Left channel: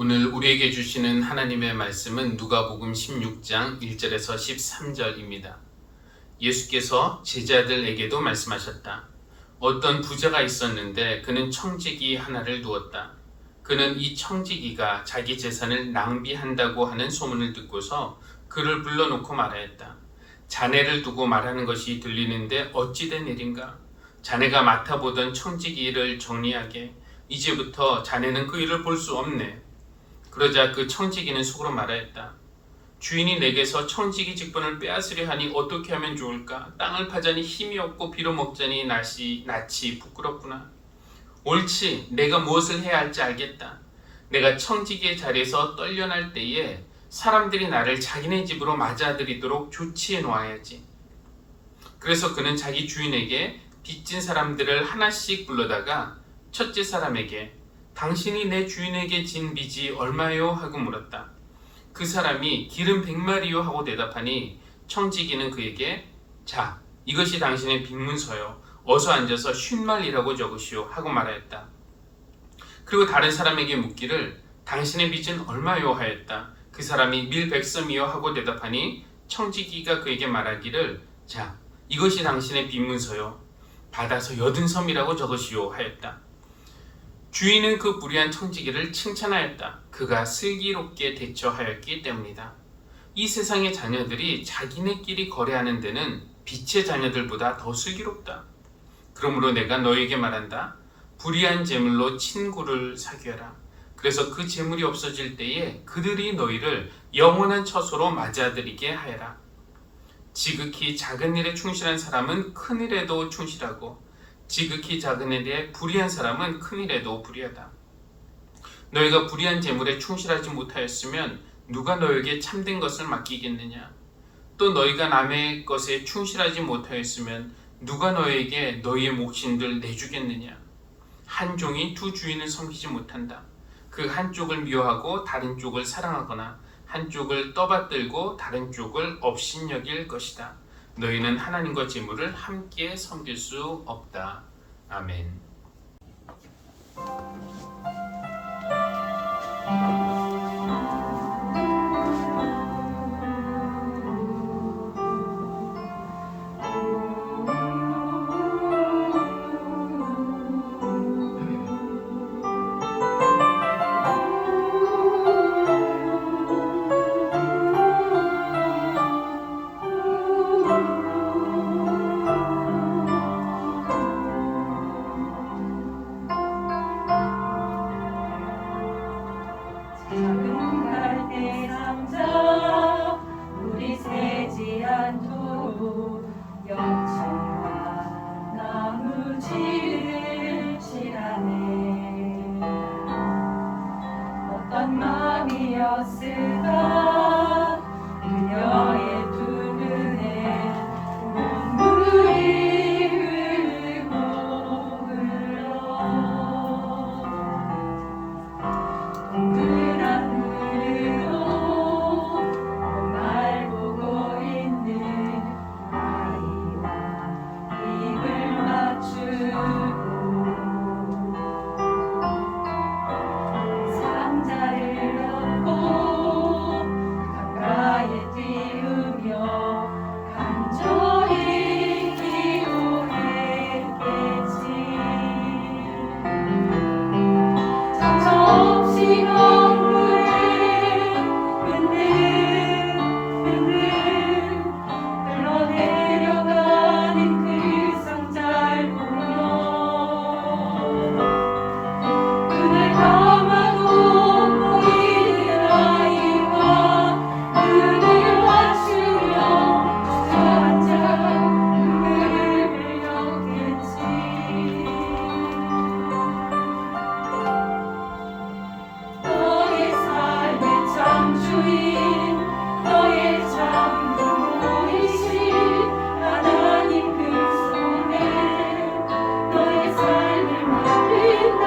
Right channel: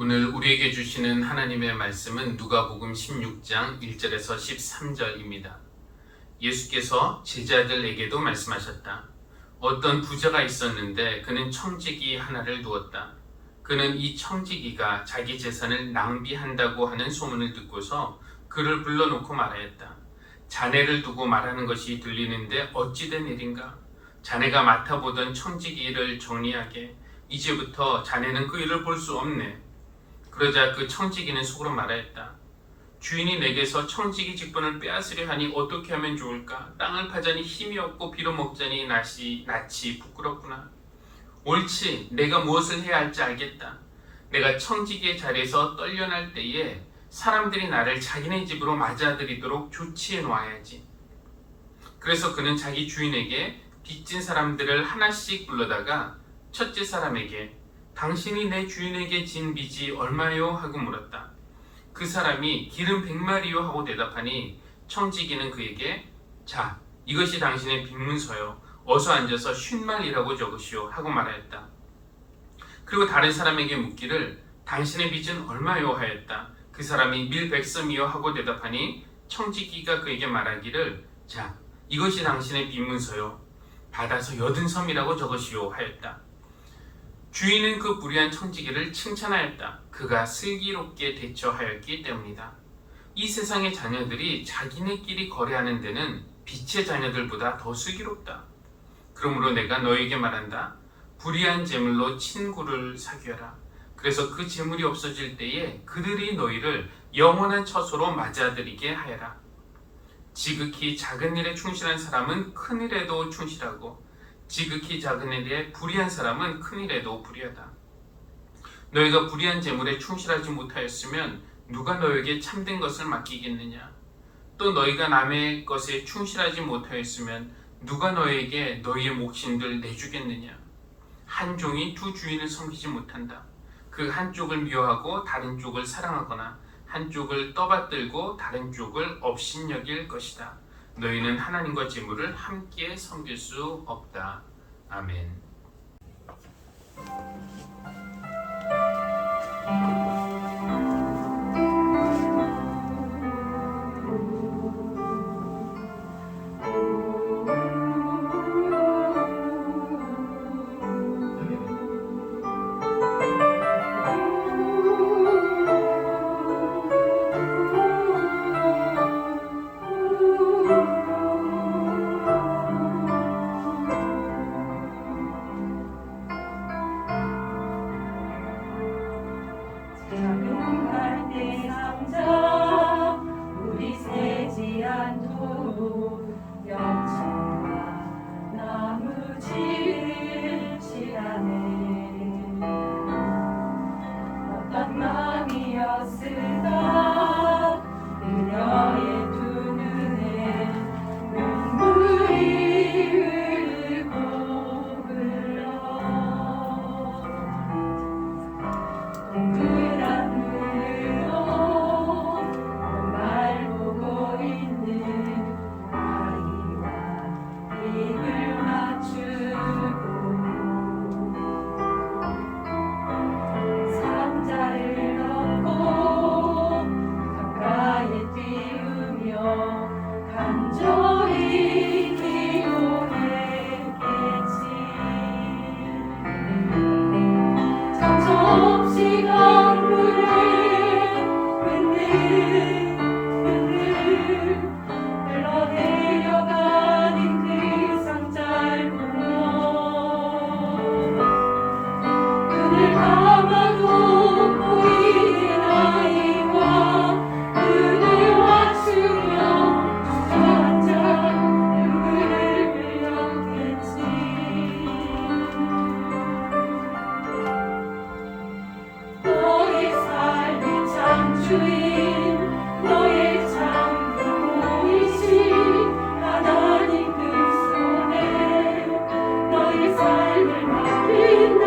오늘 우리에게 주시는 하나님의 말씀은 누가복음 16장 1절에서 13절입니다. 예수께서 제자들에게도 말씀하셨다. 어떤 부자가 있었는데 그는 청지기 하나를 두었다. 그는 이 청지기가 자기 재산을 낭비한다고 하는 소문을 듣고서 그를 불러놓고 말하였다. 자네를 두고 말하는 것이 들리는데 어찌 된 일인가? 자네가 맡아보던 청지기 일을 정리하게. 이제부터 자네는 그 일을 볼 수 없네. 그러자 그 청지기는 속으로 말하였다. 주인이 내게서 청지기 직분을 빼앗으려 하니 어떻게 하면 좋을까? 땅을 파자니 힘이 없고 빌어먹자니 낯이 부끄럽구나. 옳지, 내가 무엇을 해야 할지 알겠다. 내가 청지기의 자리에서 떨려날 때에 사람들이 나를 자기네 집으로 맞아들이도록 조치해 놓아야지. 그래서 그는 자기 주인에게 빚진 사람들을 하나씩 불러다가 첫째 사람에게 당신이 내 주인에게 진 빚이 얼마요? 하고 물었다. 그 사람이 기름 100마리요 하고 대답하니 청지기는 그에게 자, 이것이 당신의 빚문서요. 어서 앉아서 50마리라고 적으시오 하고 말하였다. 그리고 다른 사람에게 묻기를 당신의 빚은 얼마요? 하였다. 그 사람이 밀 100섬이요 하고 대답하니 청지기가 그에게 말하기를 자, 이것이 당신의 빚문서요. 받아서 80섬이라고 적으시오 하였다. 주인은 그 불의한 청지기를 칭찬하였다. 그가 슬기롭게 대처하였기 때문이다. 이 세상의 자녀들이 자기네끼리 거래하는 데는 빛의 자녀들보다 더 슬기롭다. 그러므로 내가 너에게 말한다. 불의한 재물로 친구를 사귀어라. 그래서 그 재물이 없어질 때에 그들이 너희를 영원한 처소로 맞아들이게 하여라. 지극히 작은 일에 충실한 사람은 큰 일에도 충실하고 지극히 작은 일에 불의한 사람은 큰 일에도 불의하다. 너희가 불의한 재물에 충실하지 못하였으면 누가 너에게 참된 것을 맡기겠느냐? 또 너희가 남의 것에 충실하지 못하였으면 누가 너에게 너희의 몫인들 내주겠느냐? 한 종이 두 주인을 섬기지 못한다. 그 한쪽을 미워하고 다른 쪽을 사랑하거나 한쪽을 떠받들고 다른 쪽을 업신여길 것이다. 너희는 하나님과 재물을 함께 섬길 수 없다. 아멘. 작은 갈대 상자 물이 새지 않도록 역청과 나무지를 칠하네. 어떤 마음이었을까 그녀의 두 눈에 눈물이 흐르고 흘러 동그란 눈으로 말 보고 있는 아이와 입을 맞추고 상자를 넣고 가까이 띄우며 간절히 기도했겠지. 정신없이 강물에 흔들흔들 흘러내려가는 그 상자를 보며 눈을 감아도 보이는 아이와 눈을 맞추며 주저앉아 눈물을 흘렸겠지. 너의 삶의 창조인 너의 참 부모이신 하나님 그 손에 너의 삶을 맡긴다.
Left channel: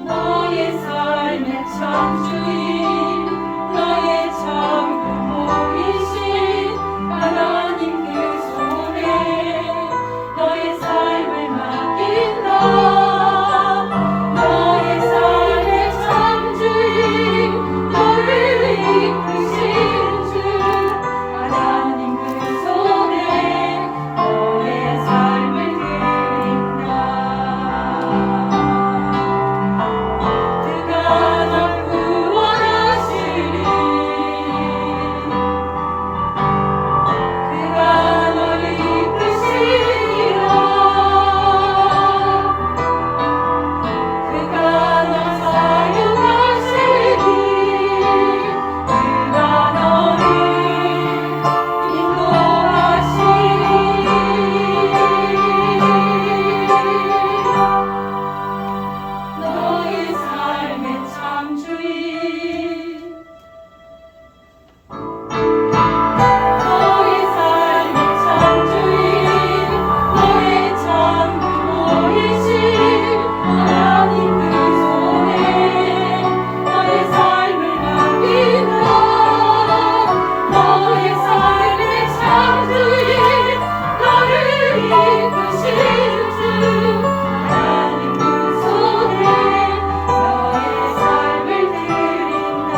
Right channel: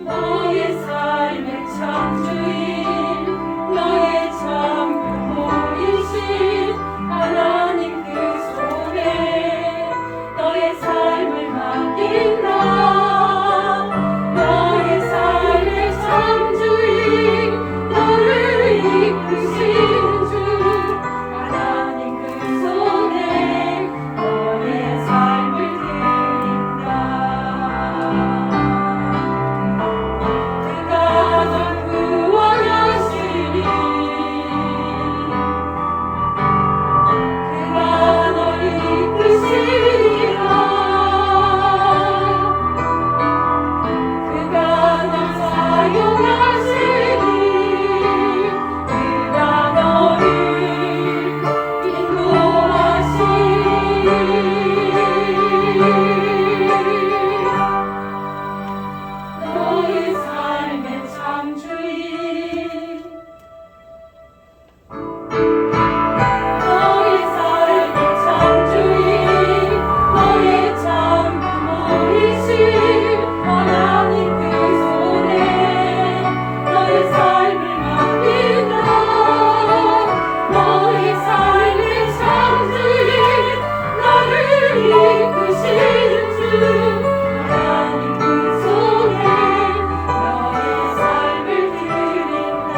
너의 삶의 창조인 너의 참 부모이신 하나님 그 손에 너의 삶을 맡긴다. 너의 삶의 창조인 너를 이끄신 주 하나님 그 손에 너의 삶을 드린다. 그가 널 구원하시리 그가 널 이끄시리라 그가 널 사용하시리 그가 너를 인도하시리 너의 삶의 창조인 너의 삶의 창조인 너의 참 부모이신 하나님 그 손에 너의 삶을 맡긴다. 너의 삶의 창조인 너를 이끄신 주 하나님 그 손에 너의 삶을 드린다.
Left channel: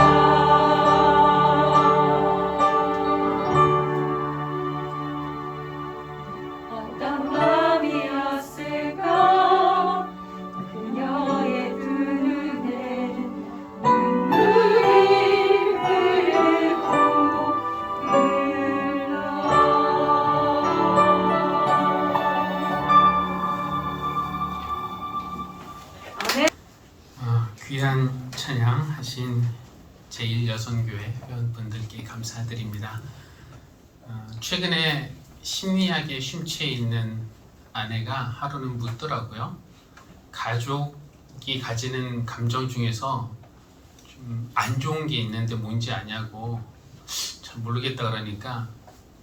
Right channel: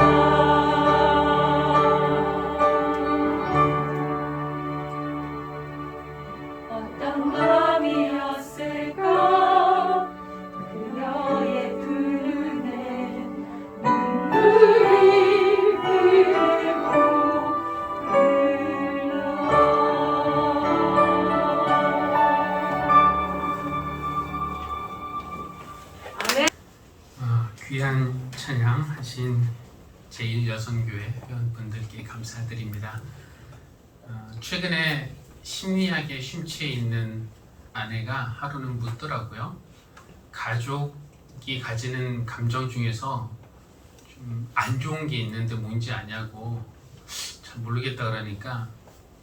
어떤 마음이었을까 그녀의 두 눈에 눈물이 흐르고 흘러 귀한 찬양 하신 제1여성교회 회원분들께 감사드립니다. 최근에 심리학에 심취해 있는 아내가 하루는 묻더라고요. 가족이 가지는 감정 중에서 좀 안 좋은 게 있는데 뭔지 아냐고 잘 모르겠다 그러니까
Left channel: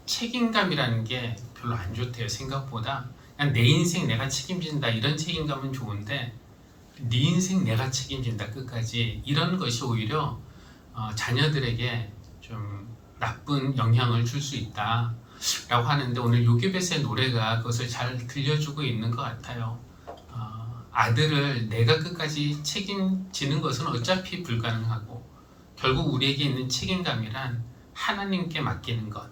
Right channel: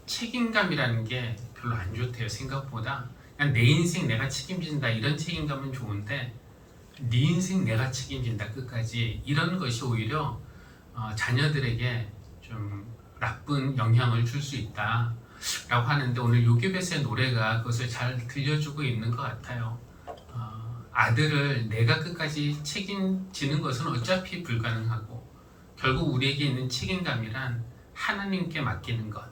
책임감이라는 게 별로 안 좋대요. 생각보다 그냥 내 인생 내가 책임진다 이런 책임감은 좋은데 네 인생 내가 책임진다 끝까지 이런 것이 오히려 자녀들에게 좀 나쁜 영향을 줄 수 있다 라고 하는데 오늘 요괴벳의 노래가 그것을 잘 들려주고 있는 것 같아요. 아들을 내가 끝까지 책임지는 것은 어차피 불가능하고 결국 우리에게 있는 책임감이란 하나님께 맡기는 것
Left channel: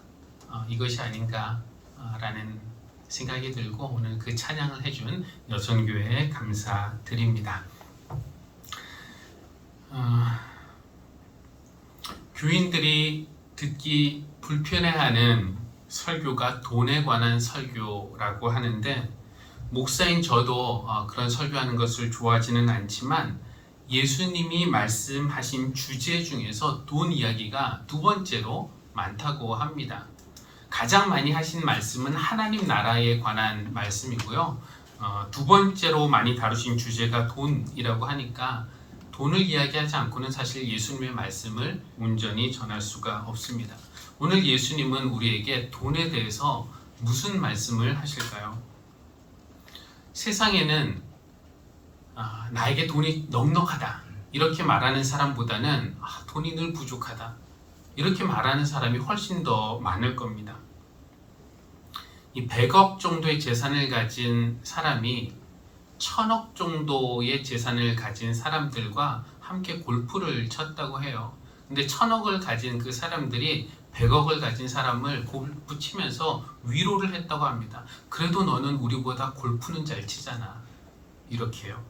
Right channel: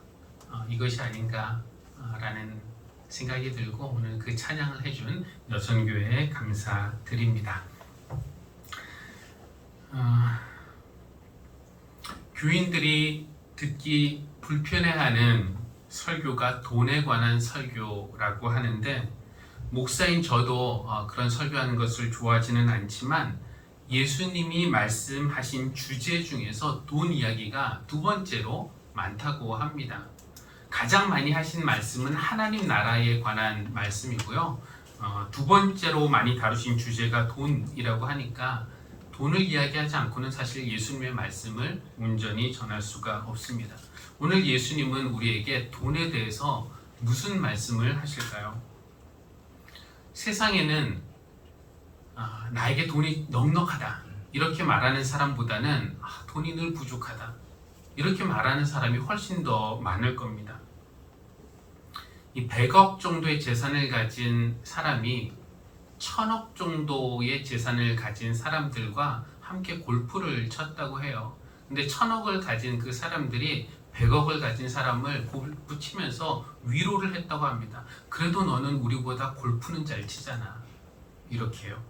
이것이 아닌가라는 생각이 들고 오늘 그 찬양을 해준 여성교회에 감사드립니다. 교인들이 듣기 불편해하는 설교가 돈에 관한 설교라고 하는데 목사인 저도 그런 설교하는 것을 좋아하지는 않지만 예수님이 말씀하신 주제 중에서 돈 이야기가 두 번째로 많다고 합니다. 가장 많이 하신 말씀은 하나님 나라에 관한 말씀이고요. 두 번째로 많이 다루신 주제가 돈이라고 하니까 돈을 이야기하지 않고는 사실 예수님의 말씀을 온전히 전할 수가 없습니다. 오늘 예수님은 우리에게 돈에 대해서 무슨 말씀을 하실까요? 세상에는 나에게 돈이 넉넉하다 이렇게 말하는 사람보다는 돈이 늘 부족하다 이렇게 말하는 사람이 훨씬 더 많을 겁니다. 이 100억 정도의 재산을 가진 사람이 1000억 정도의 재산을 가진 사람들과 함께 골프를 쳤다고 해요. 근데 1000억을 가진 그 사람들이 100억을 가진 사람을 골프 치면서 위로를 했다고 합니다. 그래도 너는 우리보다 골프는 잘 치잖아. 이렇게요.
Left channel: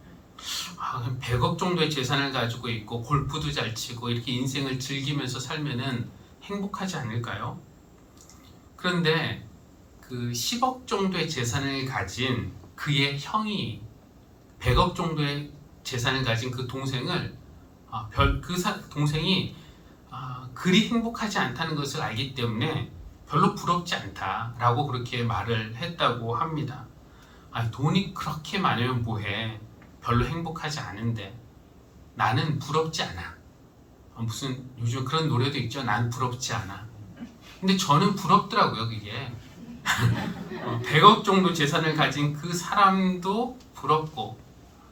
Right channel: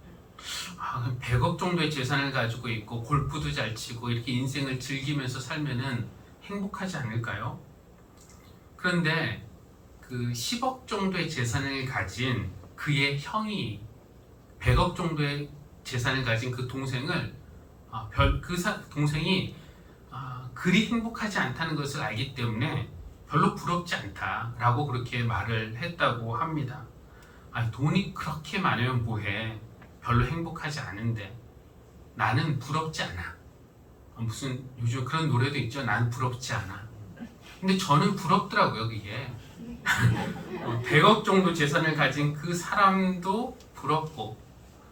100억 정도의 재산을 가지고 있고 골프도 잘 치고 이렇게 인생을 즐기면서 살면은 행복하지 않을까요? 그런데 그 10억 정도의 재산을 가진 그의 형이 100억 정도의 재산을 가진 그 동생을 동생이 그리 행복하지 않다는 것을 알기 때문에 별로 부럽지 않다라고 그렇게 말을 했다고 합니다. 돈이 그렇게 많으면 뭐해? 별로 행복하지 않은데 나는 부럽지 않아. 무슨 요즘 그런 노래도 있죠. 난 부럽지 않아. 근데 저는 부럽더라고요. 그게 100억 정도 재산을 가진 그 사람도 부럽고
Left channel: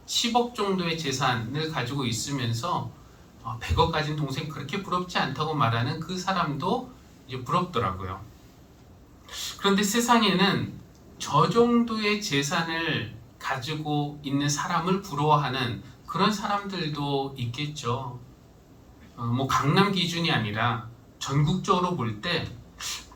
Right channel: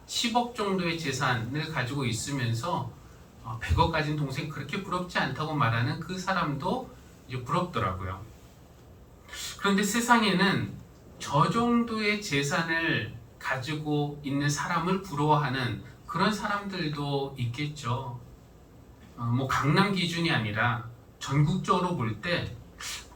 10억 정도의 재산을 가지고 있으면서 100억 가진 동생 그렇게 부럽지 않다고 말하는 그 사람도 이제 부럽더라고요. 그런데 세상에는 저 정도의 재산을 가지고 있는 사람을 부러워하는 그런 사람들도 있겠죠. 뭐 강남 기준이 아니라 전국적으로 볼 때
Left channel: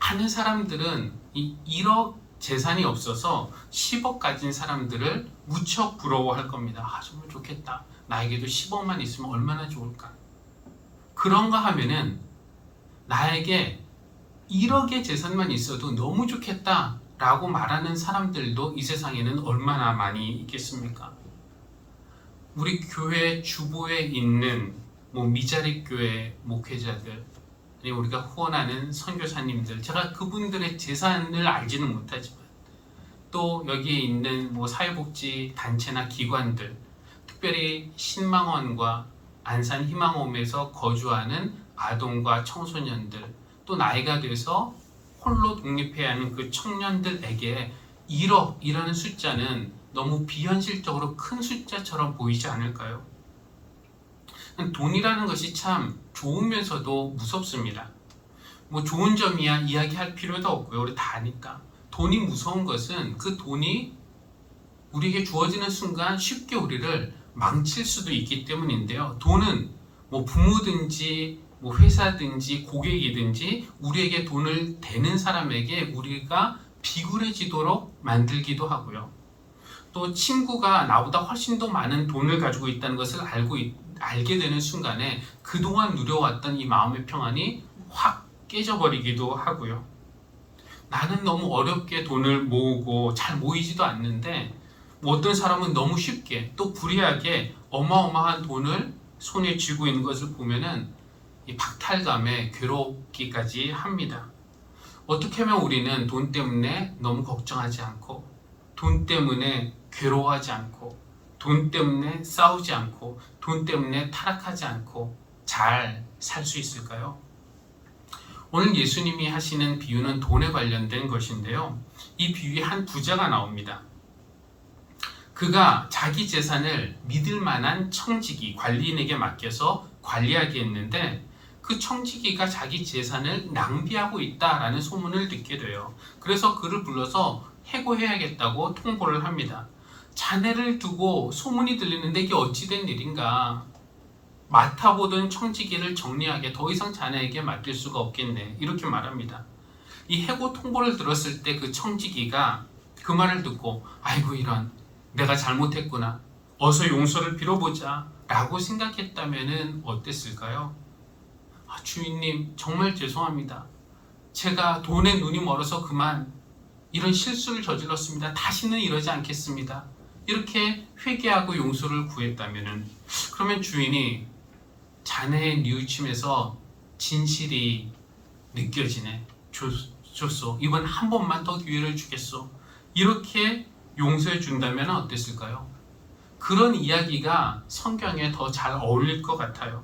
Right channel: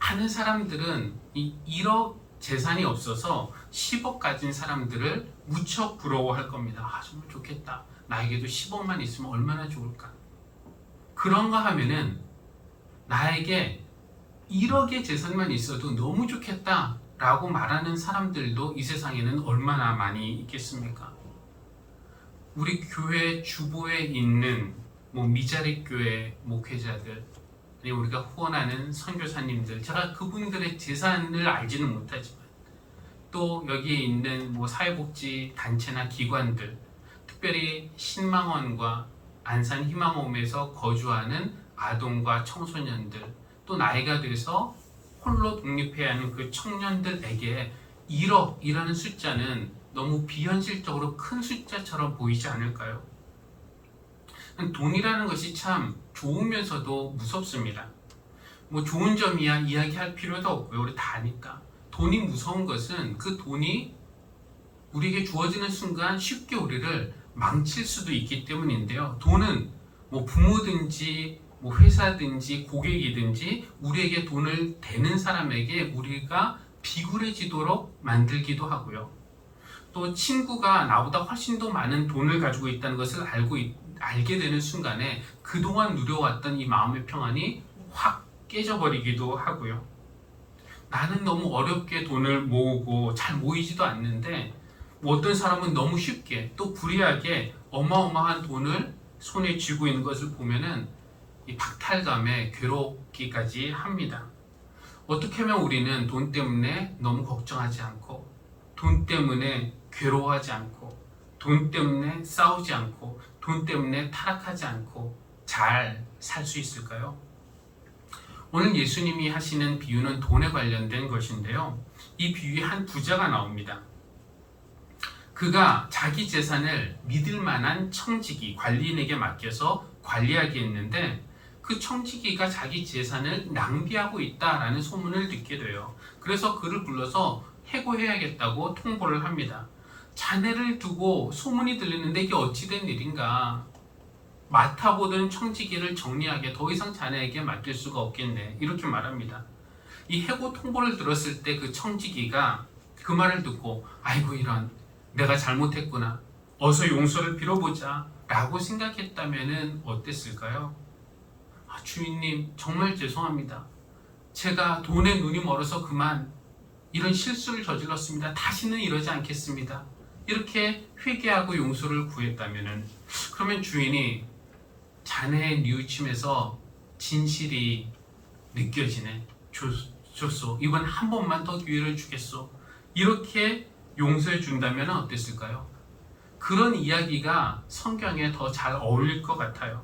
많은 사람들은 이 1억 재산이 없어서 10억 가진 사람들을 무척 부러워할 겁니다. 아, 정말 좋겠다. 나에게도 10억만 있으면 얼마나 좋을까. 그런가 하면은 나에게 1억의 재산만 있어도 너무 좋겠다 라고 말하는 사람들도 이 세상에는 얼마나 많이 있겠습니까? 우리 교회 주보에 있는 뭐 미자립 교회 목회자들, 아니 우리가 후원하는 선교사님들, 제가 그분들의 재산을 알지는 못하지만 또 여기에 있는 뭐 사회복지 단체나 기관들, 특별히 신망원과 안산 희망홈에서 거주하는 아동과 청소년들, 또 나이가 돼서 홀로 독립해야 하는 그 청년들에게 1억이라는 숫자는 너무 비현실적으로 큰 숫자처럼 보이지 않을까요? 돈이라는 것이 참 좋으면서도 무섭습니다. 뭐 좋은 점이야 이야기할 필요도 없고요. 우리 다 아니까. 돈이 무서운 것은 그 돈이 우리에게 주어지는 순간 쉽게 우리를 망칠 수도 있기 때문인데요. 돈은 뭐 부모든지 뭐 회사든지 고객이든지 우리에게 돈을 대는 사람에게 우리가 비굴해지도록 만들기도 하고요. 또 친구가 나보다 훨씬 더 많은 돈을 가지고 있다는 것을 알게 되는 순간에 그동안 누려왔던 이 마음의 평안이 확 깨져버리기도 하고요. 나는 너무 어렵게 돈을 모으고 잘 모이지도 않는데 어떤 사람은 너무 쉽게 또 불이하게 어마어마한 돈을 손에 쥐고 있는 것을 보면은 이 박탈감에 괴롭기까지 합니다. 어떻게 하면 우리는 돈 때문에 너무 걱정하지 않고 돈 때문에 괴로워하지 않고 돈 때문에 싸우지 않고 돈 때문에 타락하지 않고 잘 살 수 있을까요? 오늘 예수님이 하시는 비유는 돈에 관련된 것인데요. 이 비유에 한 부자가 나옵니다. 그가 자기 재산을 믿을 만한 청지기, 관리인에게 맡겨서 관리하게 했는데 그 청지기가 자기 재산을 낭비하고 있다라는 소문을 듣게 돼요. 그래서 그를 불러서 해고해야겠다고 통보를 합니다. 자네를 두고 소문이 들리는데 이게 어찌된 일인가? 맡아보던 청지기를 정리하게 더 이상 자네에게 맡길 수가 없겠네. 이렇게 말합니다. 이 해고 통보를 들었을 때 그 청지기가 그 말을 듣고 아이고 이런 내가 잘못했구나. 어서 용서를 빌어보자 라고 생각했다면 어땠을까요? 주인님 정말 죄송합니다. 제가 돈에 눈이 멀어서 그만 이런 실수를 저질렀습니다. 다시는 이러지 않겠습니다. 이렇게 회개하고 용서를 구했다면 그러면 주인이 자네의 뉘우침에서 진실이 느껴지네. 줬소. 이번 한 번만 더 기회를 주겠소. 이렇게 용서해 준다면 어땠을까요? 그런 이야기가 성경에 더 잘 어울릴 것 같아요.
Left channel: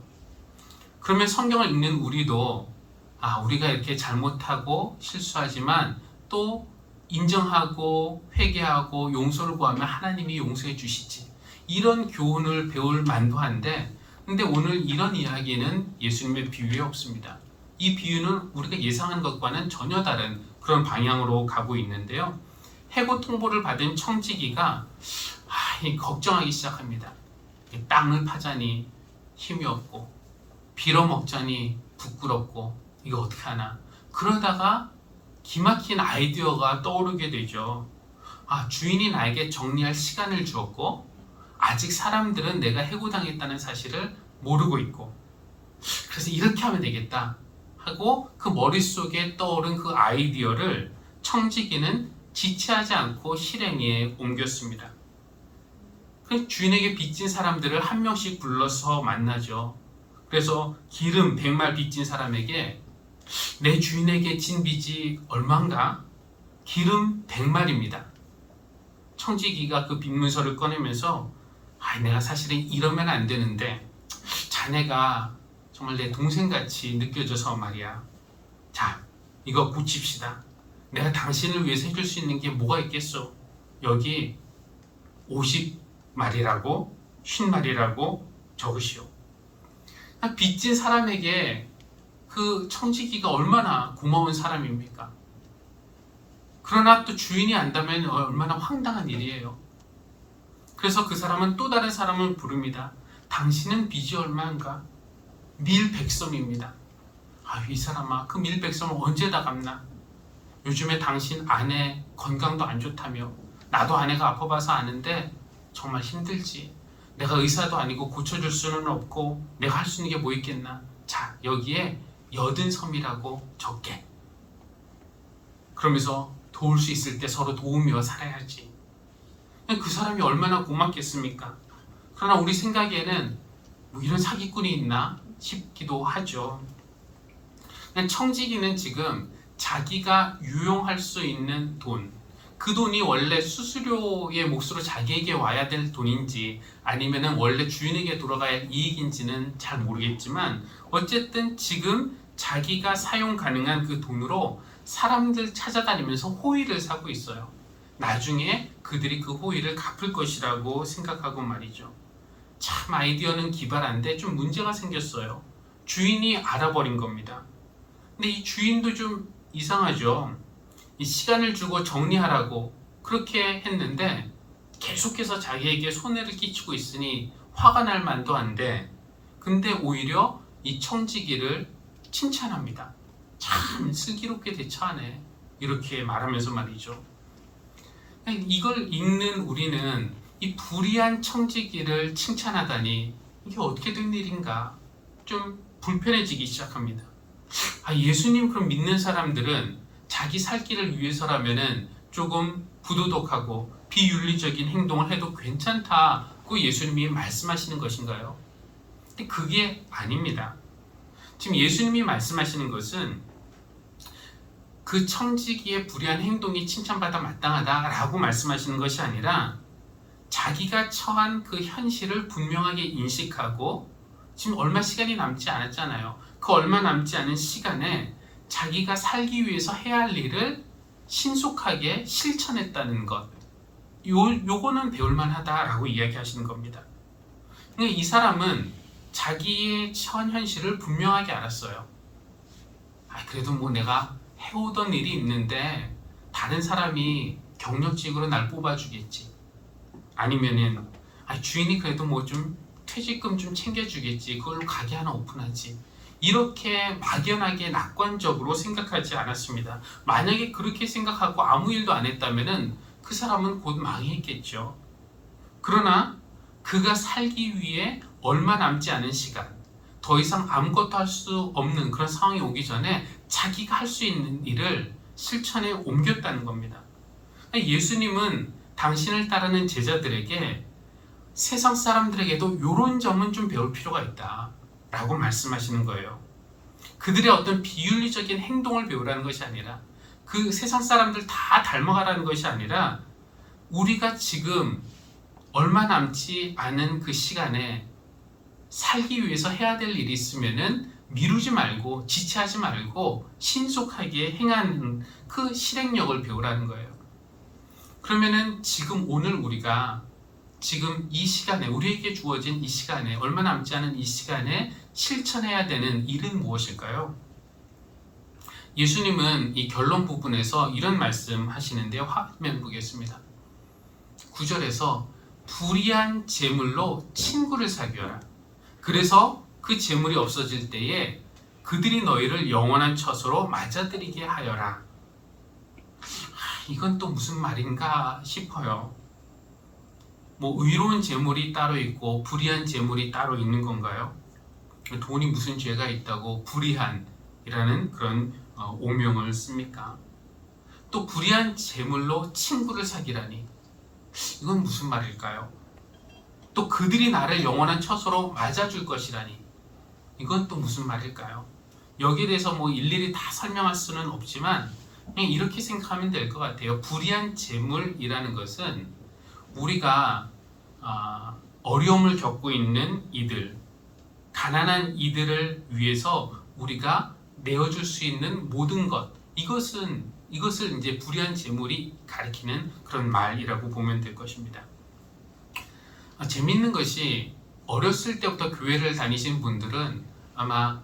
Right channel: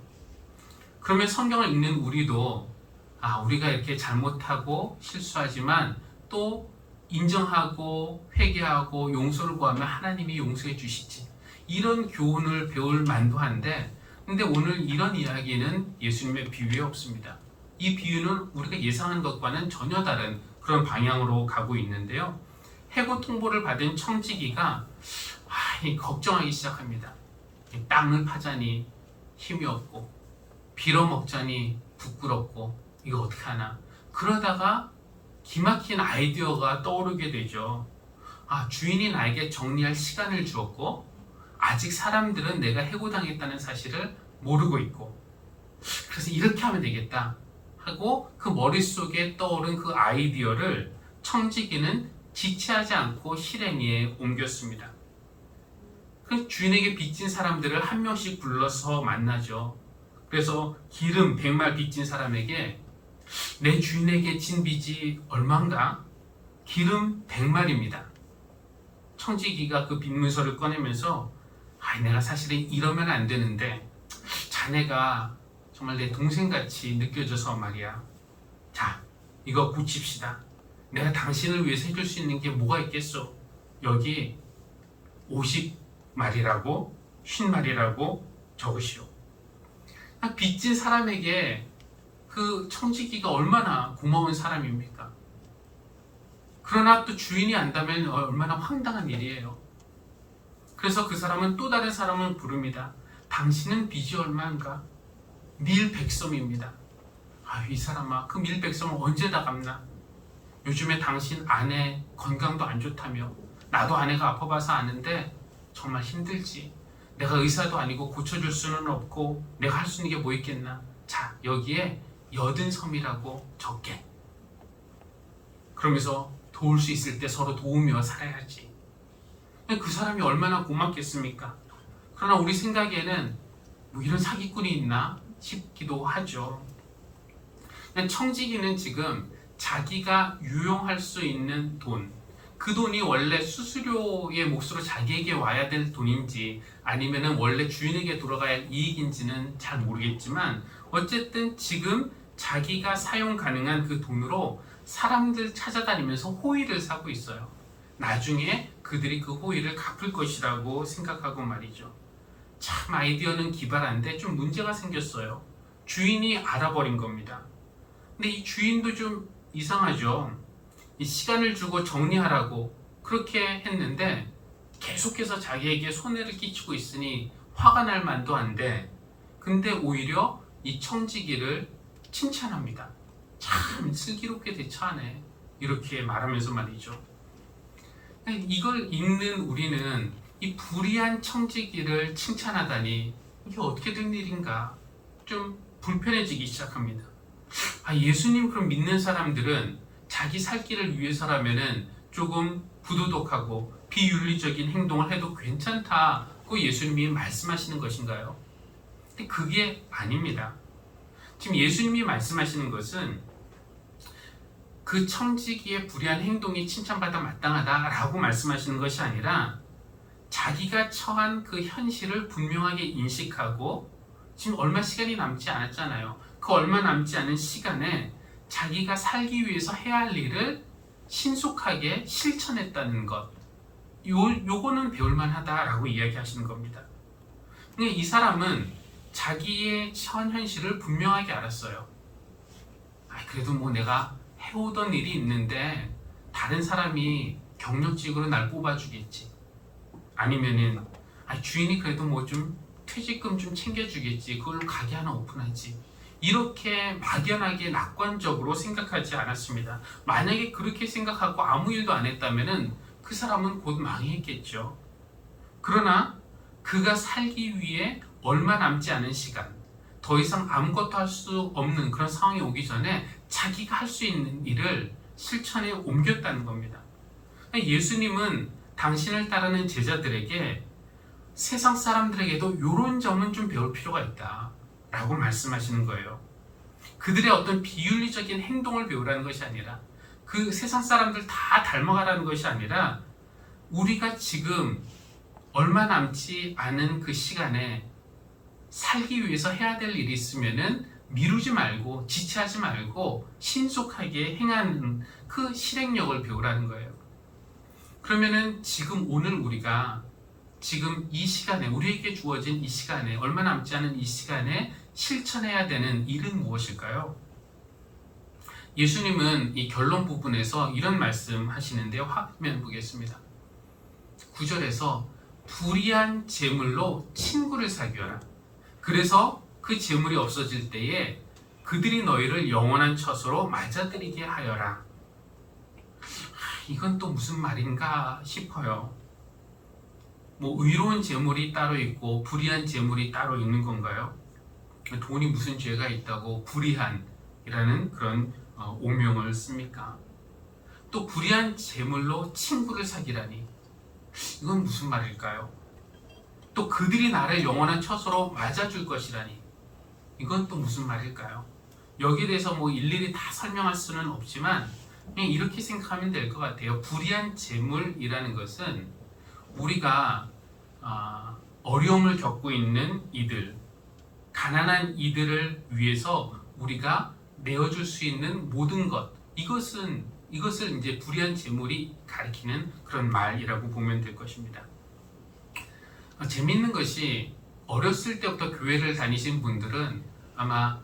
그러면 성경을 읽는 우리도 우리가 이렇게 잘못하고 실수하지만 또 인정하고 회개하고 용서를 구하면 하나님이 용서해 주시지. 이런 교훈을 배울 만도 한데 근데 오늘 이런 이야기는 예수님의 비유에 없습니다. 이 비유는 우리가 예상한 것과는 전혀 다른 그런 방향으로 가고 있는데요. 해고 통보를 받은 청지기가 걱정하기 시작합니다. 땅을 파자니 힘이 없고 빌어먹자니 부끄럽고 이거 어떻게 하나. 그러다가 기막힌 아이디어가 떠오르게 되죠. 주인이 나에게 정리할 시간을 주었고 아직 사람들은 내가 해고당했다는 사실을 모르고 있고 그래서 이렇게 하면 되겠다 하고 그 머릿속에 떠오른 그 아이디어를 청지기는 지체하지 않고 실행에 옮겼습니다. 그 주인에게 빚진 사람들을 한 명씩 불러서 만나죠. 그래서 기름 100말 빚진 사람에게 내 주인에게 진 빚이 얼마인가? 기름 100말입니다. 청지기가 그 빚문서를 꺼내면서 내가 사실은 이러면 안 되는데 자네가 정말 내 동생같이 느껴져서 말이야. 자, 이거 고칩시다. 내가 당신을 위해서 해줄 수 있는 게 뭐가 있겠어? 여기 50말이라고 50마리라고 적으시오. 빚진 사람에게 그 청지기가 얼마나 고마운 사람입니까? 그러나 또 주인이 안다면 얼마나 황당한 일이에요. 그래서 그 사람은 또 다른 사람을 부릅니다. 당신은 빚이 얼마인가? 밀백섬입니다. 이 사람아, 그 밀백섬을 언제 다 갚나? 요즘에 당신 아내 건강도 안 좋다며. 나도 아내가 아파봐서 아는데 정말 힘들지. 내가 의사도 아니고 고쳐줄 수는 없고 내가 할 수 있는 게 뭐 있겠나? 자, 여기에 80섬이라고 적게. 그러면서 도울 수 있을 때 서로 도우며 살아야지. 그 사람이 얼마나 고맙겠습니까? 그러나 우리 생각에는 뭐 이런 사기꾼이 있나 싶기도 하죠. 청지기는 지금 자기가 유용할 수 있는 돈, 그 돈이 원래 수수료의 몫으로 자기에게 와야 될 돈인지 아니면 원래 주인에게 돌아가야 이익인지는 잘 모르겠지만 어쨌든 지금 자기가 사용 가능한 그 돈으로 사람들 찾아다니면서 호의를 사고 있어요. 나중에 그들이 그 호의를 갚을 것이라고 생각하고 말이죠. 참 아이디어는 기발한데 좀 문제가 생겼어요. 주인이 알아버린 겁니다. 근데 이 주인도 좀 이상하죠. 이 시간을 주고 정리하라고 그렇게 했는데 계속해서 자기에게 손해를 끼치고 있으니 화가 날 만도 한데, 근데 오히려 이 청지기를 칭찬합니다. 참 슬기롭게 대처하네, 이렇게 말하면서 말이죠. 이걸 읽는 우리는 이 불의한 청지기를 칭찬하다니 이게 어떻게 된 일인가 좀 불편해지기 시작합니다. 예수님 그럼 믿는 사람들은 자기 살 길을 위해서라면은 조금 부도덕하고 비윤리적인 행동을 해도 괜찮다고 예수님이 말씀하시는 것인가요? 근데 그게 아닙니다. 지금 예수님이 말씀하시는 것은 그 청지기의 불의한 행동이 칭찬받아 마땅하다라고 말씀하시는 것이 아니라 자기가 처한 그 현실을 분명하게 인식하고 지금 얼마 시간이 남지 않았잖아요. 그 얼마 남지 않은 시간에 자기가 살기 위해서 해야 할 일을 신속하게 실천했다는 것, 요거는 배울만하다라고 이야기하시는 겁니다. 이 사람은 자기의 처한 현실을 분명하게 알았어요. 그래도 뭐 내가 해오던 일이 있는데 다른 사람이 경력직으로 날 뽑아주겠지. 아니면은 주인이 그래도 뭐 좀 퇴직금 좀 챙겨주겠지. 그걸 가게 하나 오픈하지. 이렇게 막연하게 낙관적으로 생각하지 않았습니다. 만약에 그렇게 생각하고 아무 일도 안 했다면은 그 사람은 곧 망했겠죠. 그러나 그가 살기 위해 얼마 남지 않은 시간, 더 이상 아무것도 할 수 없는 그런 상황이 오기 전에 자기가 할 수 있는 일을 실천에 옮겼다는 겁니다. 예수님은 당신을 따르는 제자들에게 세상 사람들에게도 이런 점은 좀 배울 필요가 있다 라고 말씀하시는 거예요. 그들의 어떤 비윤리적인 행동을 배우라는 것이 아니라, 그 세상 사람들 다 닮아가라는 것이 아니라, 우리가 지금 얼마 남지 않은 그 시간에 살기 위해서 해야 될 일이 있으면은 미루지 말고 지체하지 말고 신속하게 행하는 그 실행력을 배우라는 거예요. 그러면은 지금 오늘 우리가 지금 이 시간에, 우리에게 주어진 이 시간에, 얼마 남지 않은 이 시간에 실천해야 되는 일은 무엇일까요? 예수님은 이 결론 부분에서 이런 말씀 하시는데요. 화면 보겠습니다. 9절에서 불의한 재물로 친구를 사귀어라. 그래서 그 재물이 없어질 때에 그들이 너희를 영원한 처소로 맞아들이게 하여라. 이건 또 무슨 말인가 싶어요. 뭐 의로운 재물이 따로 있고 불의한 재물이 따로 있는 건가요? 돈이 무슨 죄가 있다고 불의한이라는 그런 오명을 씁니까? 또 불의한 재물로 친구를 사귀라니, 이건 무슨 말일까요? 또 그들이 나를 영원한 처소로 맞아줄 것이라니, 이건 또 무슨 말일까요? 여기에 대해서 뭐 일일이 다 설명할 수는 없지만 그냥 이렇게 생각하면 될 것 같아요. 불의한 재물이라는 것은 우리가 어려움을 겪고 있는 이들, 가난한 이들을 위해서 우리가 내어줄 수 있는 모든 것, 이것을 이제 불의한 재물이 가리키는 그런 말이라고 보면 될 것입니다. 재밌는 것이 어렸을 때부터 교회를 다니신 분들은 아마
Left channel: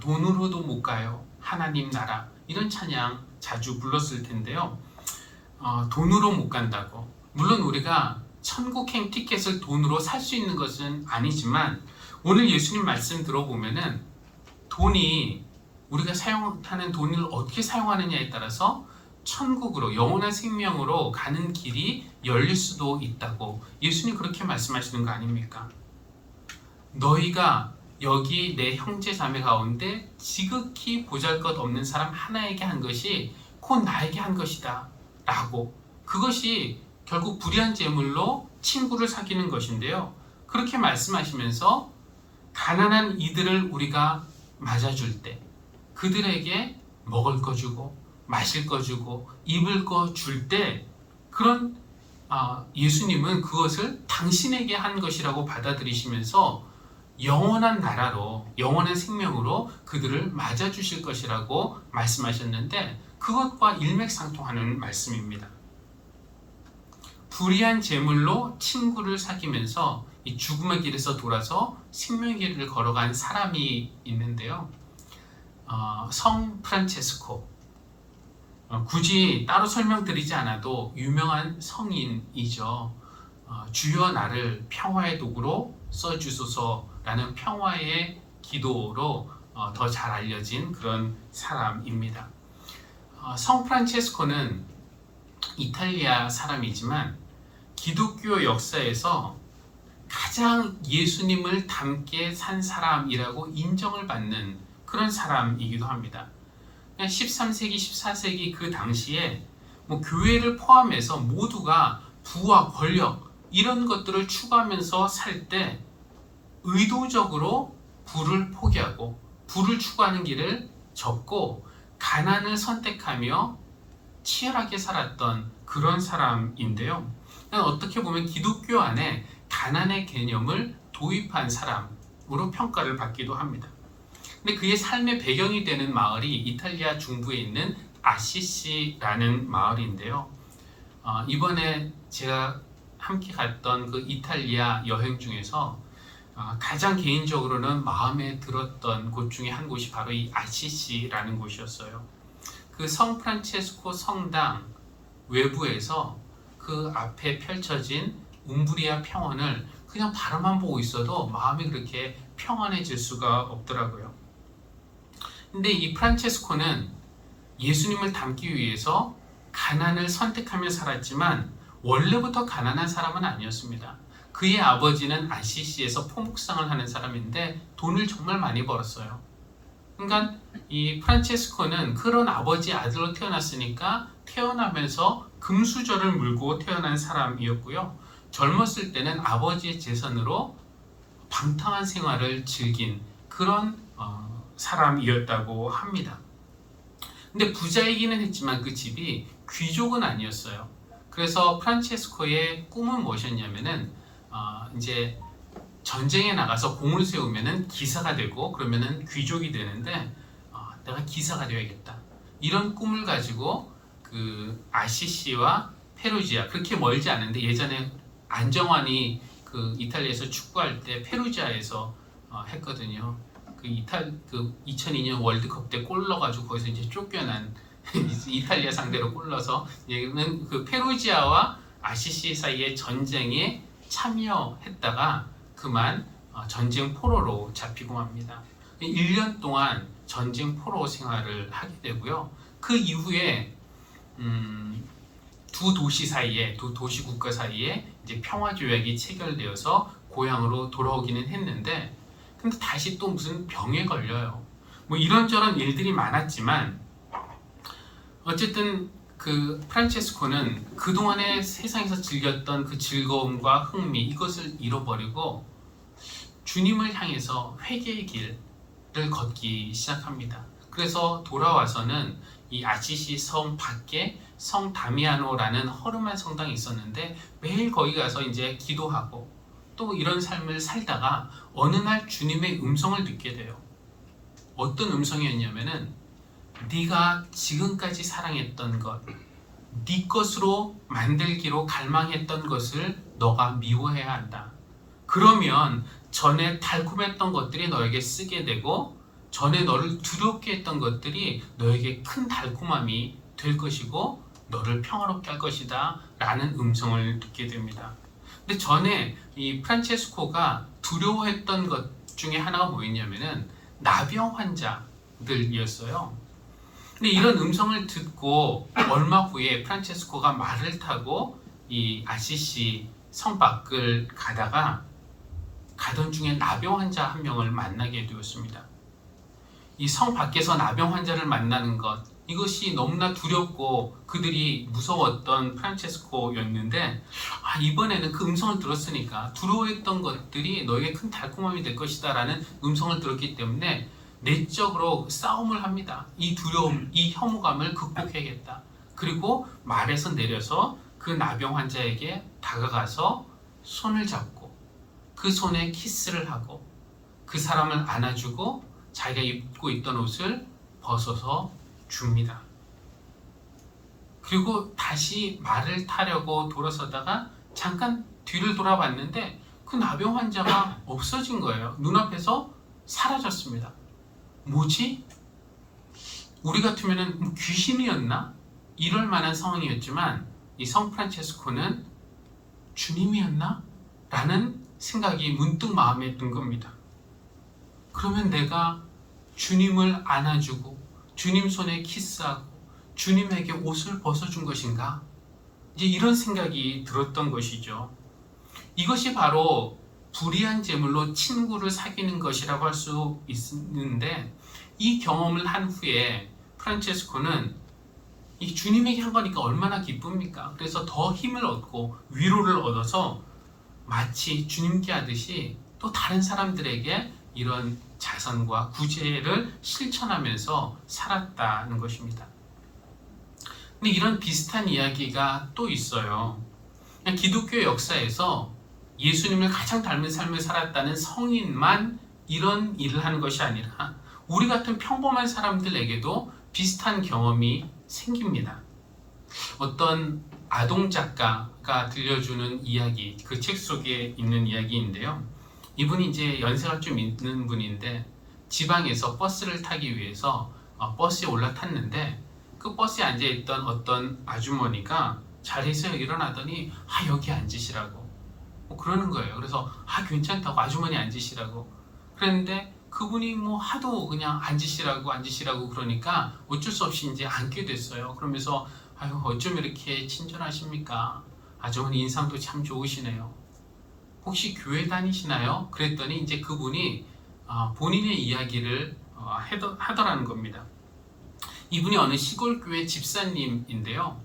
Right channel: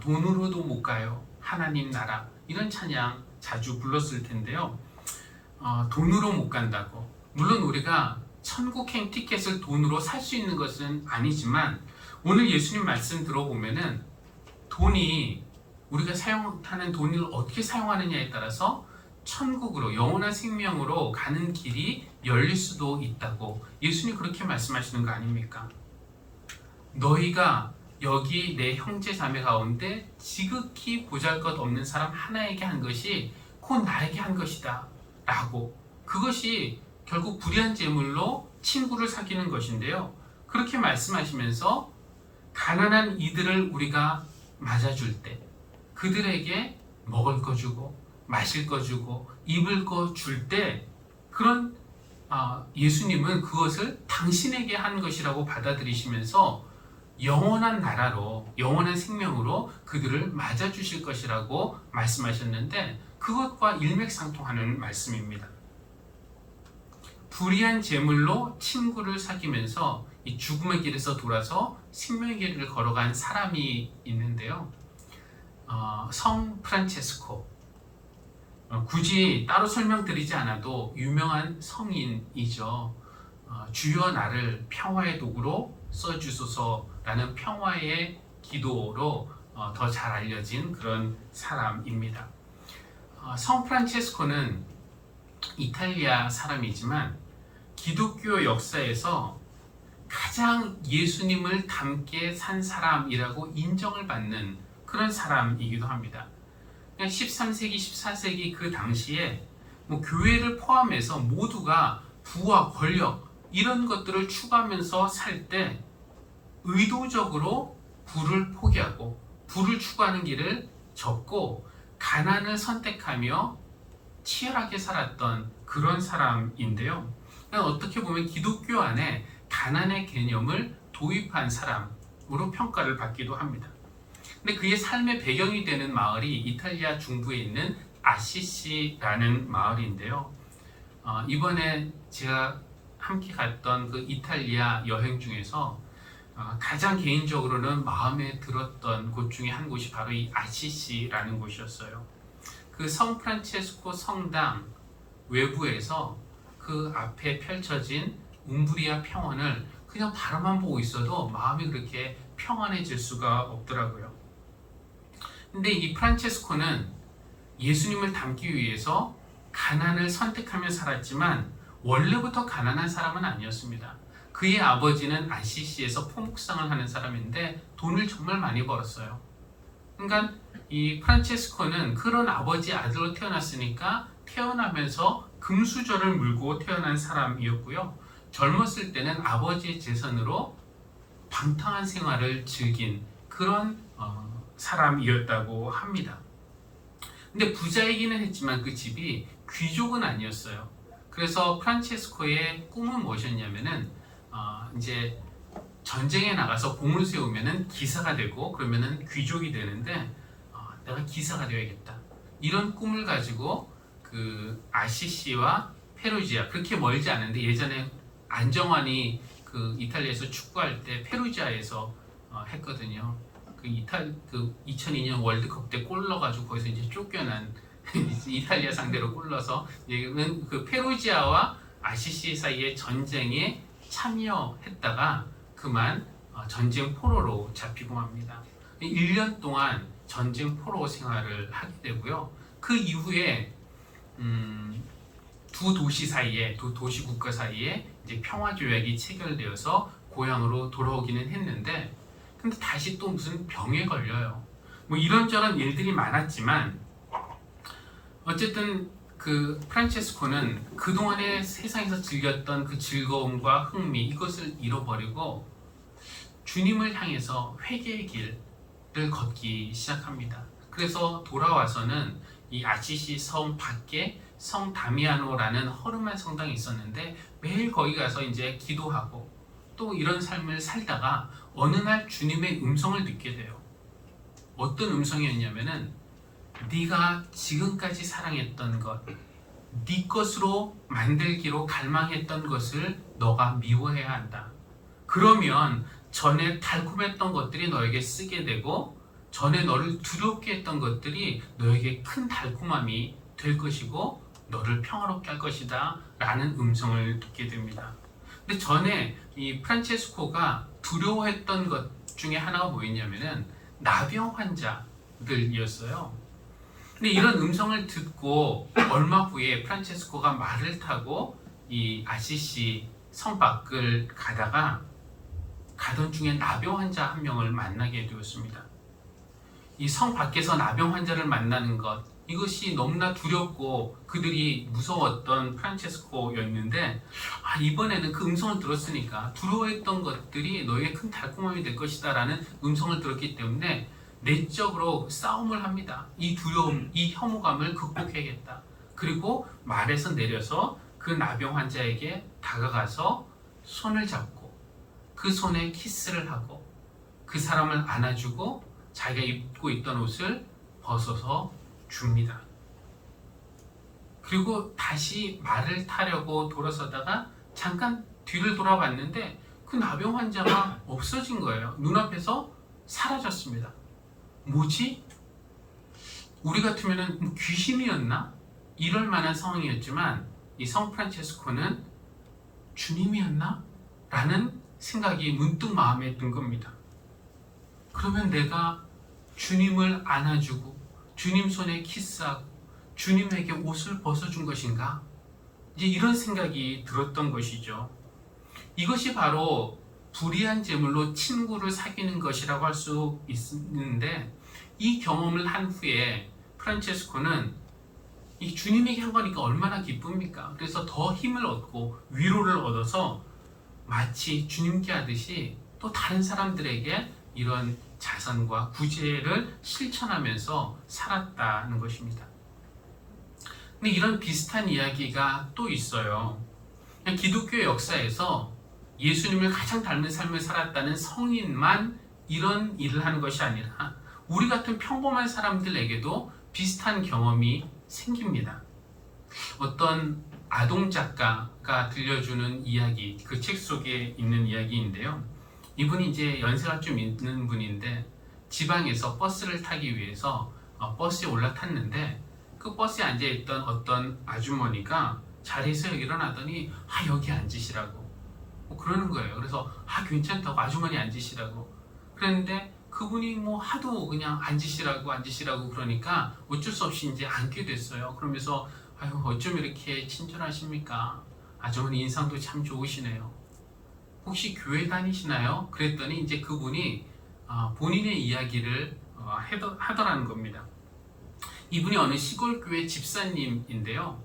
돈으로도 못 가요. 하나님 나라 이런 찬양 자주 불렀을 텐데요. 돈으로 못 간다고. 물론 우리가 천국행 티켓을 돈으로 살 수 있는 것은 아니지만 오늘 예수님 말씀 들어보면은 돈이 우리가 사용하는 돈을 어떻게 사용하느냐에 따라서 천국으로 영원한 생명으로 가는 길이 열릴 수도 있다고 예수님 그렇게 말씀하시는 거 아닙니까? 너희가 여기 내 형제 자매 가운데 지극히 보잘것없는 사람 하나에게 한 것이 곧 나에게 한 것이다 라고. 그것이 결국 불의한 재물로 친구를 사귀는 것인데요. 그렇게 말씀하시면서 가난한 이들을 우리가 맞아줄 때 그들에게 먹을 거 주고 마실 거 주고 입을 거 줄 때 그런 예수님은 그것을 당신에게 한 것이라고 받아들이시면서 영원한 나라로 영원한 생명으로 그들을 맞아주실 것이라고 말씀하셨는데 그것과 일맥상통하는 말씀입니다. 불의한 재물로 친구를 사귀면서 이 죽음의 길에서 돌아서 생명의 길을 걸어간 사람이 있는데요. 성 프란체스코, 굳이 따로 설명드리지 않아도 유명한 성인이죠. 주여 나를 평화의 도구로 써주소서라는 평화의 기도로 더 잘 알려진 그런 사람입니다. 성 프란체스코는 이탈리아 사람이지만 기독교 역사에서 가장 예수님을 닮게 산 사람이라고 인정을 받는 그런 사람이기도 합니다. 13세기, 14세기 그 당시에 교회를 포함해서 모두가 부와 권력 이런 것들을 추구하면서 살 때 의도적으로 부를 포기하고 부를 추구하는 길을 접고 가난을 선택하며 치열하게 살았던 그런 사람인데요. 어떻게 보면 기독교 안에 가난의 개념을 도입한 사람으로 평가를 받기도 합니다. 근데 그의 삶의 배경이 되는 마을이 이탈리아 중부에 있는 아시시라는 마을인데요. 이번에 제가 함께 갔던 그 이탈리아 여행 중에서 가장 개인적으로는 마음에 들었던 곳 중에 한 곳이 바로 이 아시시라는 곳이었어요. 그 성 프란체스코 성당 외부에서 그 앞에 펼쳐진 움브리아 평원을 그냥 바라만 보고 있어도 마음이 그렇게 평안해질 수가 없더라고요. 근데 이 프란체스코는 예수님을 닮기 위해서 가난을 선택하며 살았지만 원래부터 가난한 사람은 아니었습니다. 그의 아버지는 아시시에서 포목상을 하는 사람인데 돈을 정말 많이 벌었어요. 그러니까 이 프란체스코는 그런 아버지 아들로 태어났으니까 태어나면서 금수저를 물고 태어난 사람이었고요. 젊었을 때는 아버지의 재산으로 방탕한 생활을 즐긴 그런 사람이었다고 합니다. 근데 부자이기는 했지만 그 집이 귀족은 아니었어요. 그래서 프란체스코의 꿈은 무엇이었냐면은 이제 전쟁에 나가서 공을 세우면은 기사가 되고 그러면은 귀족이 되는데 내가 기사가 되어야겠다. 이런 꿈을 가지고 그 아시시와 페루지아 그렇게 멀지 않은데 예전에 안정환이 그 이탈리아에서 축구할 때 페루지아에서 했거든요. 그 2002년 월드컵 때 골 넣어가지고 거기서 이제 쫓겨난 이탈리아 상대로 골 넣어서 얘는 그 페루지아와 아시시 사이의 전쟁에 참여했다가 그만 전쟁 포로로 잡히고 맙니다. 1년 동안 전쟁 포로 생활을 하게 되고요. 그 이후에 두 도시 사이에 두 도시 국가 사이에 이제 평화 조약이 체결되어서 고향으로 돌아오기는 했는데 근데 다시 또 무슨 병에 걸려요. 뭐 이런저런 일들이 많았지만 어쨌든 그 프란체스코는 그동안에 세상에서 즐겼던 그 즐거움과 흥미 이것을 잃어버리고 주님을 향해서 회개의 길을 걷기 시작합니다. 그래서 돌아와서는 이 아시시 성 밖에 성 다미아노라는 허름한 성당이 있었는데 매일 거기 가서 이제 기도하고 또 이런 삶을 살다가 어느 날 주님의 음성을 듣게 돼요. 어떤 음성이었냐면은 네가 지금까지 사랑했던 것, 네 것으로 만들기로 갈망했던 것을 너가 미워해야 한다. 그러면 전에 달콤했던 것들이 너에게 쓰게 되고 전에 너를 두렵게 했던 것들이 너에게 큰 달콤함이 될 것이고 너를 평화롭게 할 것이다 라는 음성을 듣게 됩니다. 근데 전에 이 프란체스코가 두려워했던 것 중에 하나가 뭐였냐면은 나병 환자들이었어요. 근데 이런 음성을 듣고 얼마 후에 프란체스코가 말을 타고 이 아시시 성 밖을 가던 중에 나병 환자 한 명을 만나게 되었습니다. 이 성 밖에서 나병 환자를 만나는 것, 이것이 너무나 두렵고 그들이 무서웠던 프란체스코였는데 이번에는 그 음성을 들었으니까 두려워했던 것들이 너에게 큰 달콤함이 될 것이다 라는 음성을 들었기 때문에 내적으로 싸움을 합니다. 이 두려움, 이 혐오감을 극복해야겠다. 그리고 말에서 내려서 그 나병 환자에게 다가가서 손을 잡고 그 손에 키스를 하고 그 사람을 안아주고 자기가 입고 있던 옷을 벗어서 줍니다. 그리고 다시 말을 타려고 돌아서다가 잠깐 뒤를 돌아봤는데 그 나병 환자가 없어진 거예요. 눈앞에서 사라졌습니다. 뭐지? 우리 같으면 귀신이었나? 이럴 만한 상황이었지만 이 성 프란체스코는 주님이었나? 라는 생각이 문득 마음에 든 겁니다. 그러면 내가 주님을 안아주고 주님 손에 키스하고 주님에게 옷을 벗어준 것인가? 이제 이런 생각이 들었던 것이죠. 이것이 바로 불의한 제물로 친구를 사귀는 것이라고 할 수 있는데 이 경험을 한 후에 프란체스코는 이 주님에게 한 거니까 얼마나 기쁩니까? 그래서 더 힘을 얻고 위로를 얻어서 마치 주님께 하듯이 또 다른 사람들에게 이런 자선과 구제를 실천하면서 살았다는 것입니다. 근데 이런 비슷한 이야기가 또 있어요. 그냥 기독교 역사에서 예수님을 가장 닮은 삶을 살았다는 성인만 이런 일을 하는 것이 아니라 우리 같은 평범한 사람들에게도 비슷한 경험이 생깁니다. 어떤 아동 작가가 들려주는 이야기, 그 책 속에 있는 이야기인데요. 이분이 이제 연세가 좀 있는 분인데 지방에서 버스를 타기 위해서 버스에 올라탔는데 그 버스에 앉아있던 어떤 아주머니가 자리에서 일어나더니 여기 앉으시라고 그러는 거예요. 그래서 괜찮다고 아주머니 앉으시라고 그랬는데 그분이 하도 그냥 앉으시라고 그러니까 어쩔 수 없이 이제 앉게 됐어요. 그러면서 어쩜 이렇게 친절하십니까? 아주머니 인상도 참 좋으시네요. 혹시 교회 다니시나요? 그랬더니 이제 그분이 본인의 이야기를 하더라는 겁니다. 이분이 어느 시골 교회 집사님인데요.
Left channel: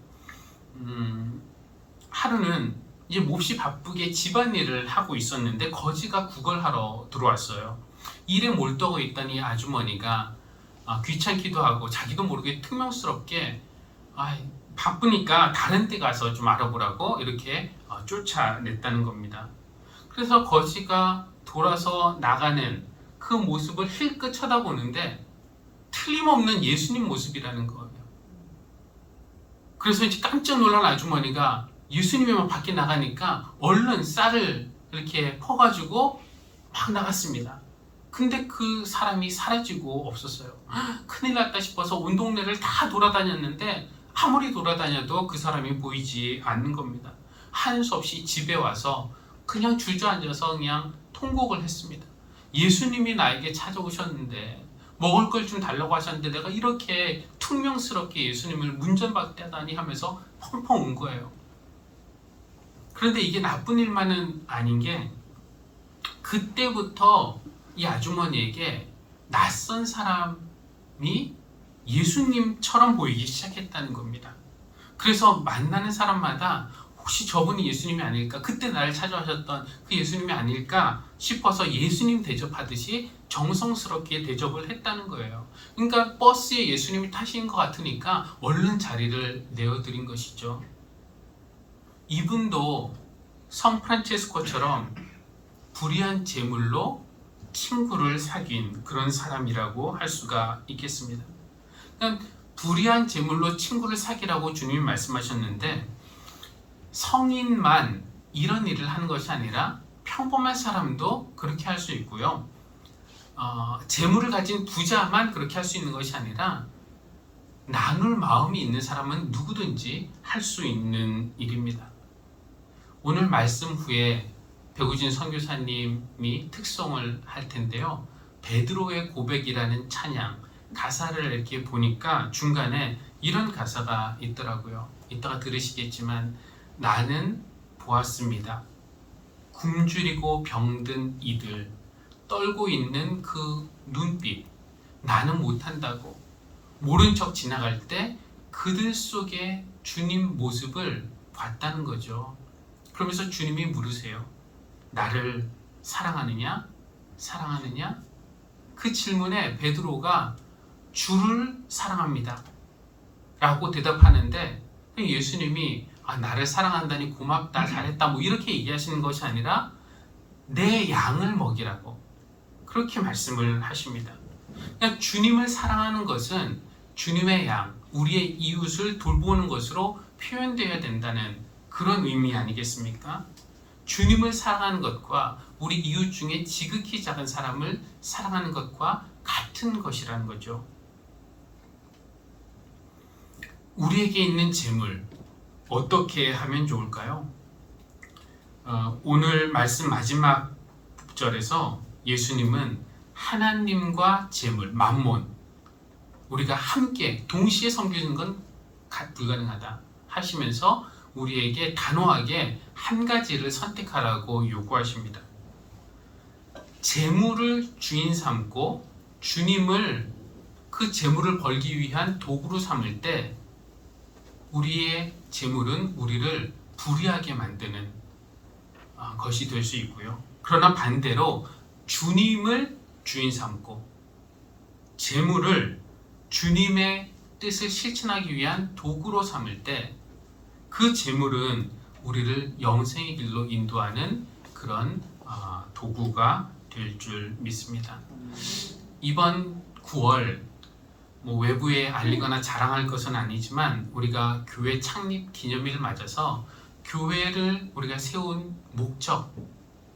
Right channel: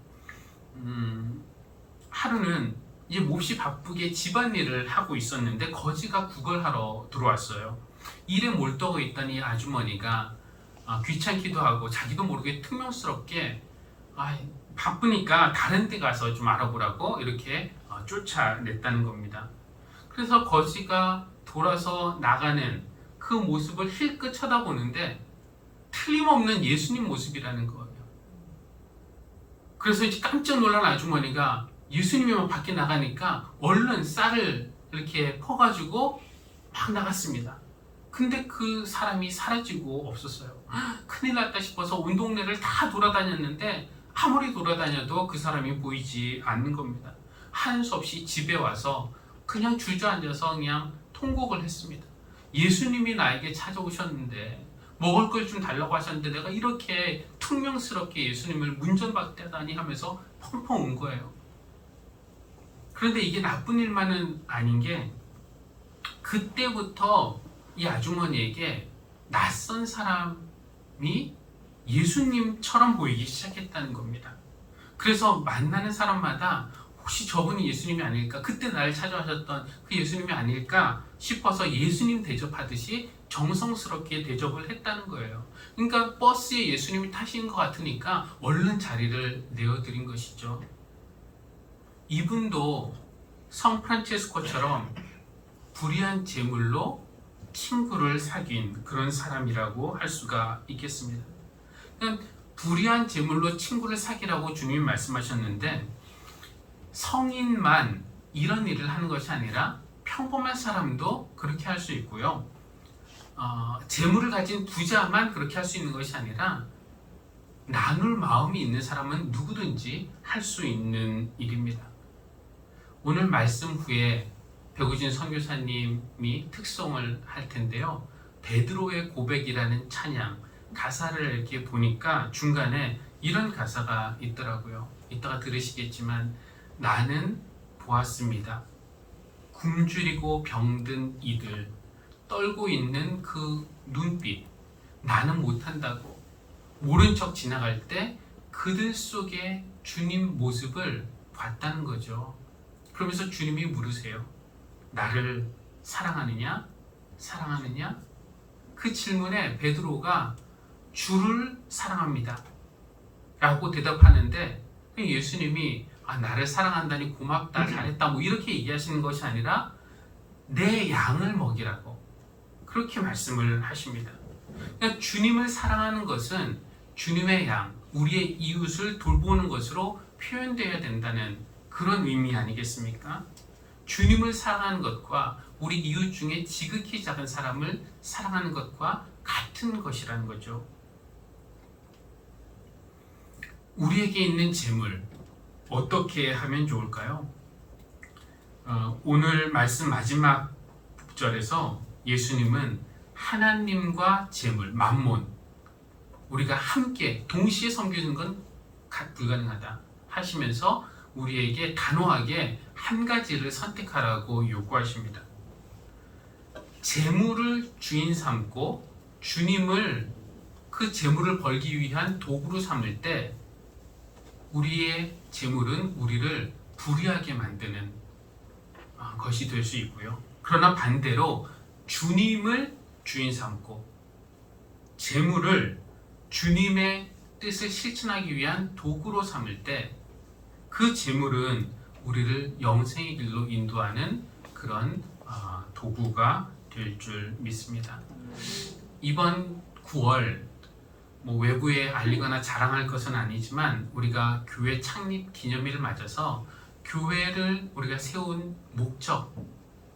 하루는 이제 몹시 바쁘게 집안일을 하고 있었는데 거지가 구걸하러 들어왔어요. 일에 몰두하고 있던 이 아주머니가 귀찮기도 하고 자기도 모르게 퉁명스럽게 바쁘니까 다른 데 가서 좀 알아보라고 이렇게 쫓아냈다는 겁니다. 그래서 거지가 돌아서 나가는 그 모습을 힐끗 쳐다보는데 틀림없는 예수님 모습이라는 거예요. 그래서 이제 깜짝 놀란 아주머니가 예수님이 밖에 나가니까 얼른 쌀을 이렇게 퍼가지고 막 나갔습니다. 근데 그 사람이 사라지고 없었어요. 큰일 났다 싶어서 온 동네를 다 돌아다녔는데 아무리 돌아다녀도 그 사람이 보이지 않는 겁니다. 한 수 없이 집에 와서 그냥 주저앉아서 그냥 통곡을 했습니다. 예수님이 나에게 찾아오셨는데 먹을 걸 좀 달라고 하셨는데 내가 이렇게 퉁명스럽게 예수님을 문전박대하다니 하면서 펑펑 운 거예요. 그런데 이게 나쁜 일만은 아닌 게 그때부터 이 아주머니에게 낯선 사람이 예수님처럼 보이기 시작했다는 겁니다. 그래서 만나는 사람마다 혹시 저분이 예수님이 아닐까? 그때 나를 찾아오셨던 그 예수님이 아닐까 싶어서 예수님 대접하듯이 정성스럽게 대접을 했다는 거예요. 그러니까 버스에 예수님이 타시는 것 같으니까 얼른 자리를 내어드린 것이죠. 이분도 성 프란체스코처럼 불의한 제물로 친구를 사귄 그런 사람이라고 할 수가 있겠습니다. 그러니까 불의한 제물로 친구를 사귀라고 주님이 말씀하셨는데 성인만 이런 일을 하는 것이 아니라 평범한 사람도 그렇게 할 수 있고요. 재물을 가진 부자만 그렇게 할 수 있는 것이 아니라 나눌 마음이 있는 사람은 누구든지 할 수 있는 일입니다. 오늘 말씀 후에 배구진 선교사님이 특송을 할 텐데요. 베드로의 고백이라는 찬양 가사를 이렇게 보니까 중간에 이런 가사가 있더라고요. 이따가 들으시겠지만 나는 보았습니다. 굶주리고 병든 이들 떨고 있는 그 눈빛 나는 못한다고 모른 척 지나갈 때 그들 속에 주님 모습을 봤다는 거죠. 그러면서 주님이 물으세요. 나를 사랑하느냐? 사랑하느냐? 그 질문에 베드로가 주를 사랑합니다 라고 대답하는데 예수님이 나를 사랑한다니 고맙다 잘했다 뭐 이렇게 얘기하시는 것이 아니라 내 양을 먹이라고 그렇게 말씀을 하십니다. 그러니까 주님을 사랑하는 것은 주님의 양, 우리의 이웃을 돌보는 것으로 표현되어야 된다는 그런 의미 아니겠습니까? 주님을 사랑하는 것과 우리 이웃 중에 지극히 작은 사람을 사랑하는 것과 같은 것이라는 거죠. 우리에게 있는 재물 어떻게 하면 좋을까요? 오늘 말씀 마지막 절에서 예수님은 하나님과 재물, 만몬 우리가 함께 동시에 섬기는 건 불가능하다 하시면서 우리에게 단호하게 한 가지를 선택하라고 요구하십니다. 재물을 주인 삼고 주님을 그 재물을 벌기 위한 도구로 삼을 때 우리의 재물은 우리를 불의하게 만드는 것이 될 수 있고요. 그러나 반대로 주님을 주인 삼고 재물을 주님의 뜻을 실천하기 위한 도구로 삼을 때 그 재물은 우리를 영생의 길로 인도하는 그런 도구가 될 줄 믿습니다. 이번 9월 외부에 알리거나 자랑할 것은 아니지만 우리가 교회 창립 기념일을 맞아서 교회를 우리가 세운 목적,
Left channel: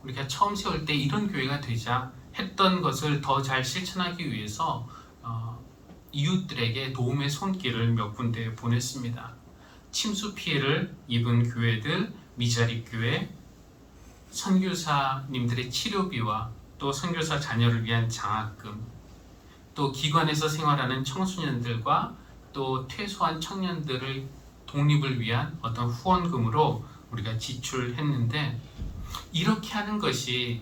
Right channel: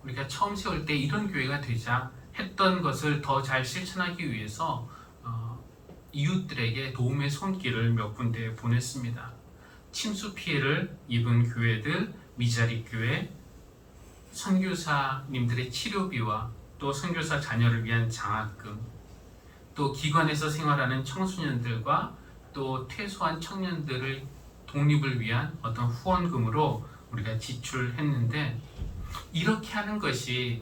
우리가 처음 세울 때 이런 교회가 되자 했던 것을 더 잘 실천하기 위해서 이웃들에게 도움의 손길을 몇 군데 보냈습니다. 침수 피해를 입은 교회들, 미자립 교회, 선교사님들의 치료비와 또 선교사 자녀를 위한 장학금, 또 기관에서 생활하는 청소년들과 또 퇴소한 청년들의 독립을 위한 어떤 후원금으로 우리가 지출했는데 이렇게 하는 것이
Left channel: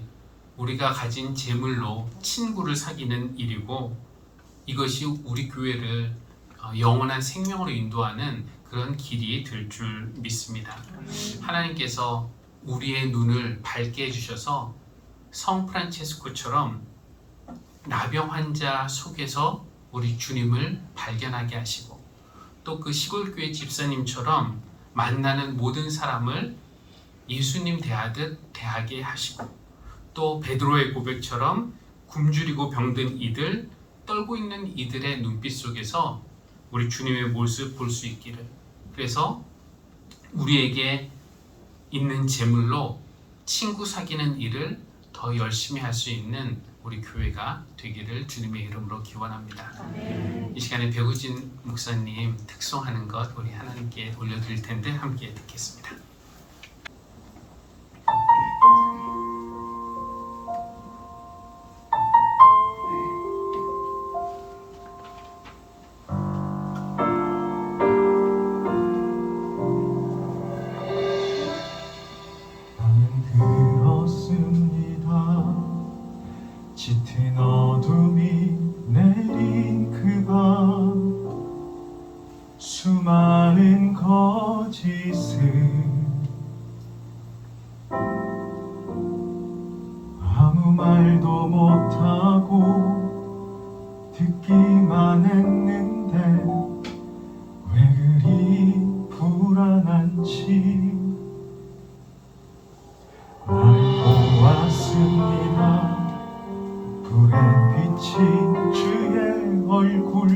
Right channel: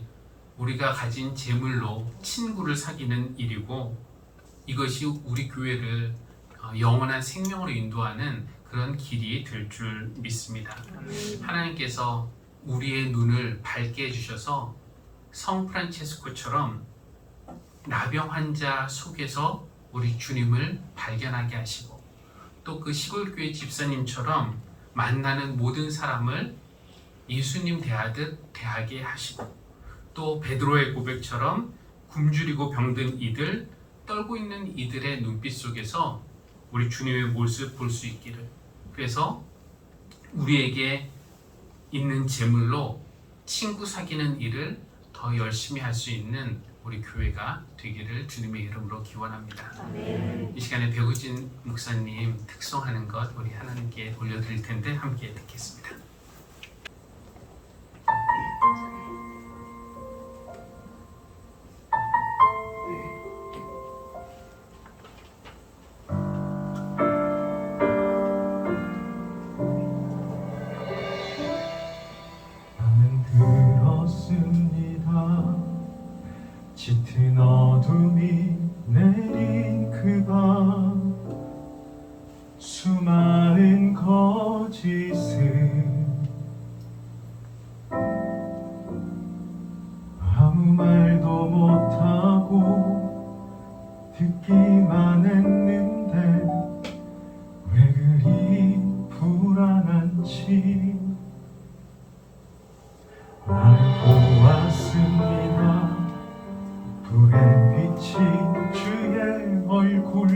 우리가 가진 재물로 친구를 사귀는 일이고 이것이 우리 교회를 영원한 생명으로 인도하는 그런 길이 될 줄 믿습니다. 하나님께서 우리의 눈을 밝게 해주셔서 성 프란체스코처럼 나병 환자 속에서 우리 주님을 발견하게 하시고 또 그 시골교회 집사님처럼 만나는 모든 사람을 예수님 대하듯 대하게 하시고 또 베드로의 고백처럼 굶주리고 병든 이들, 떨고 있는 이들의 눈빛 속에서 우리 주님의 모습 볼 수 있기를, 그래서 우리에게 있는 재물로 친구 사귀는 일을 더 열심히 할 수 있는 우리 교회가 되기를 주님의 이름으로 기원합니다. 아멘. 이 시간에 배구진 목사님 특송하는 것 우리 하나님께 올려드릴 텐데 함께 듣겠습니다. 나는 들었습니다. 짙은 어둠이 내린 그 밤 수많은 거짓을 아무 말도 못하고 듣기만 했는데 왜 그리 불안한지 날 보았습니다. 불에 비친 주의 얼굴,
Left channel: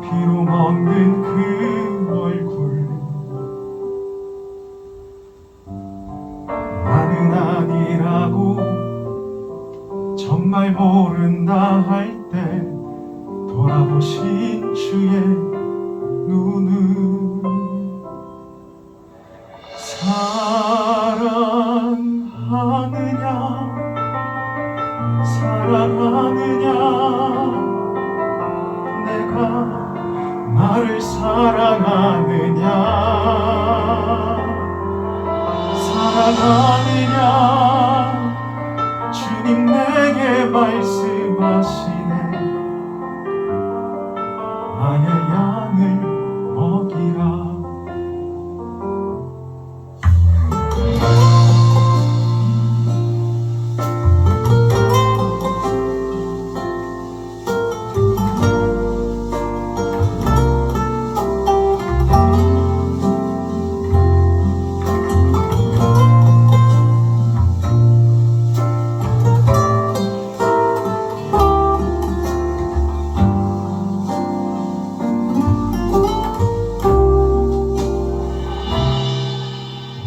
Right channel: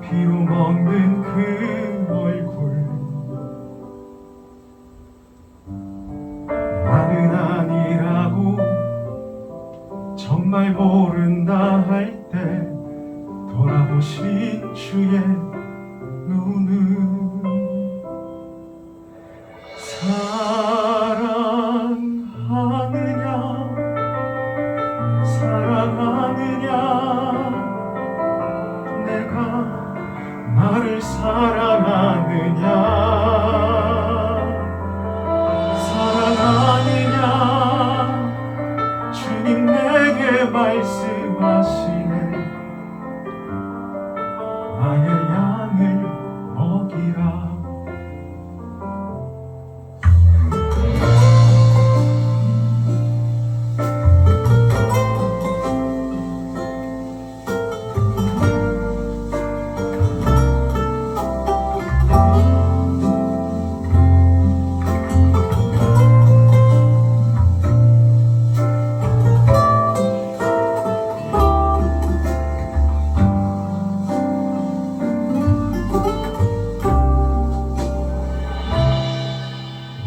피로 먹는 그 얼굴, 나는 정말 모른다 할 때 돌아보신 주의 눈은 사랑하느냐 내가 나를 사랑하느냐 주님 내게 말씀하시네 나의 양을 먹이라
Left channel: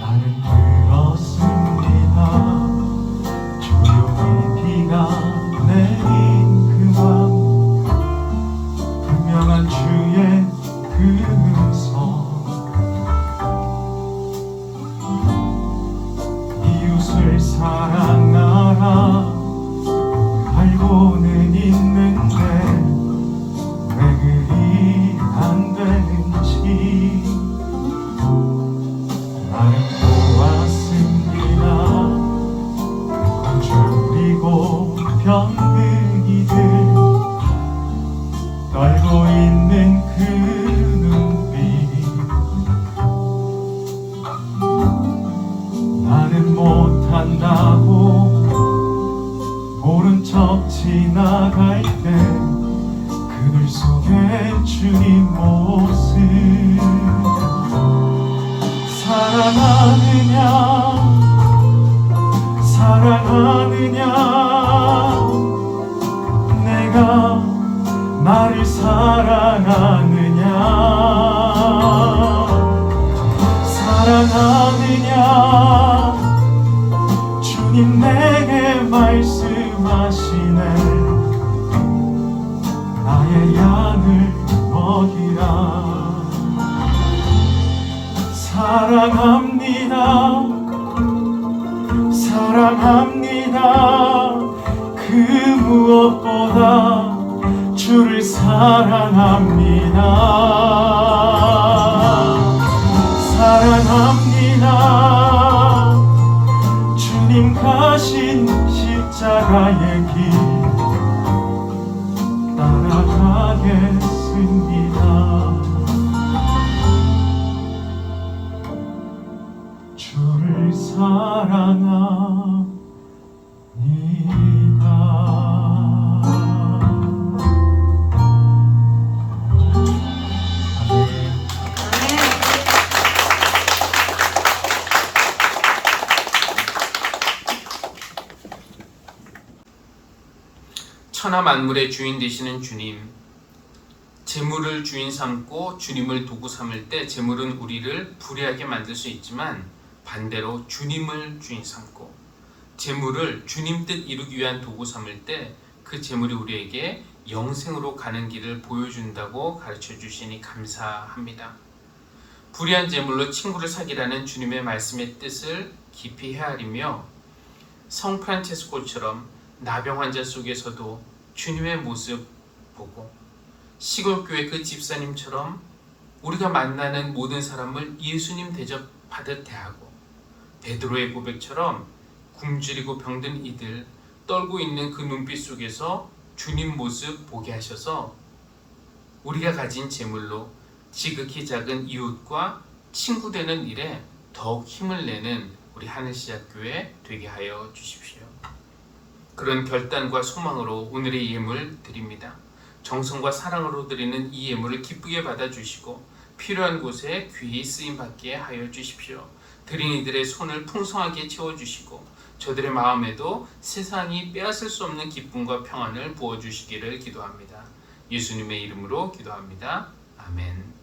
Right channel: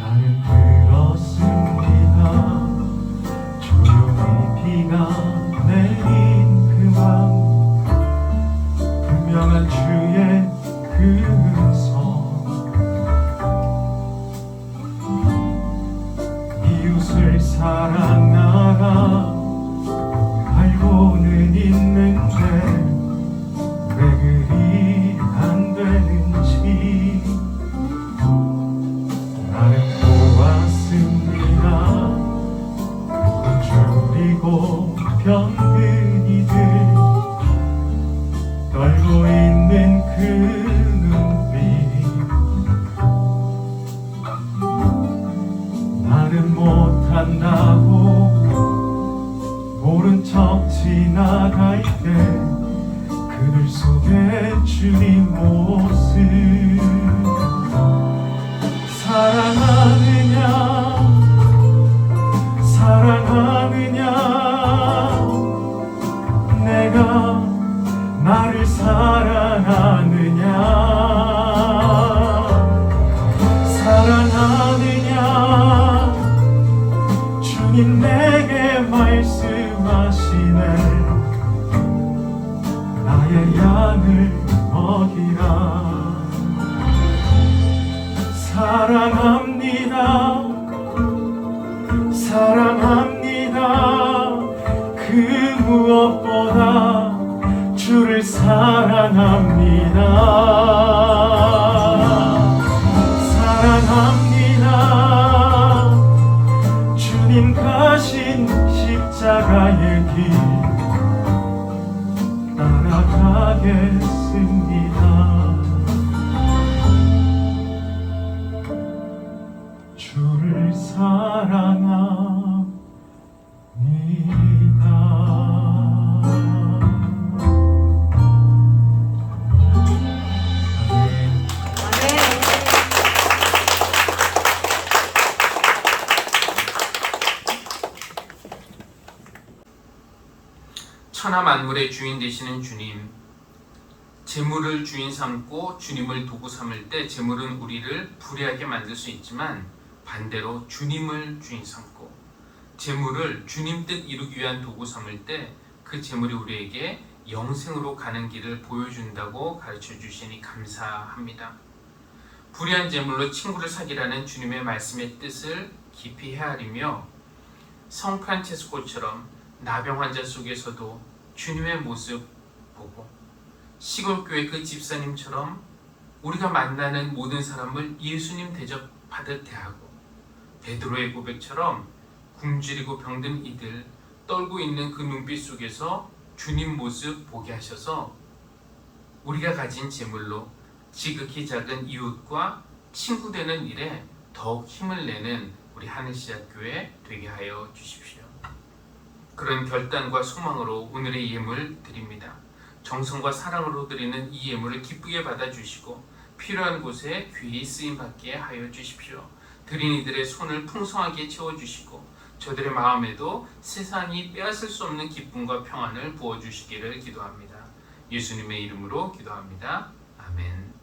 나는 들었습니다 조용히 비가 내린 그밤 분명한 주의 음성 이웃을 사랑하라 알고는 있는데 왜 그리 안 되는지 나는 보았습니다 굶주리고 병든 이들 떨고 있는 그 눈빛 나는 못한다고 모른 척 지나갈 때 그들 속에 주님 모습 사랑하느냐 내가 나를 사랑하느냐 주님 내게 말씀하시네 나의 양을 먹이라 사랑합니다 그 무엇보다 주를 사랑합니다 주님 가신 십자가의 길 따라가겠습니다 주를 사랑합니다 천하 만물의 주인 되시는 주님, 재물을 주인 삼고 주님을 도구 삼을 때 재물은 우리를 불의하게 만들 수 있지만 반대로 주님을 주인 삼고 재물을 주님 뜻 이루기 위한 도구 삼을 때 그 재물이 우리에게 영생으로 가는 길을 보여준다고 가르쳐 주시니 감사합니다. 불의한 재물로 친구를 사귀라는 주님의 말씀의 뜻을 깊이 헤아리며 성 프란체스코처럼 나병 환자 속에서도 주님의 모습 보고 시골교회 그 집사님처럼 우리가 만나는 모든 사람을 예수님 대접하듯 대하고 베드로의 고백처럼 굶주리고 병든 이들 떨고 있는 그 눈빛 속에서 주님 모습 보게 하셔서 우리가 가진 재물로 지극히 작은 이웃과 친구 되는 일에 더욱 힘을 내는 우리 하늘시작교회 되게 하여 주십시오. 그런 결단과 소망으로 오늘의 예물 드립니다. 정성과 사랑으로 드리는 이 예물을 기쁘게 받아주시고 필요한 곳에 귀히 쓰임받게 하여 주십시오. 드린 이들의 손을 풍성하게 채워주시고 저들의 마음에도 세상이 빼앗을 수 없는 기쁨과 평안을 부어주시기를 기도합니다. 예수님의 이름으로 기도합니다. 아멘.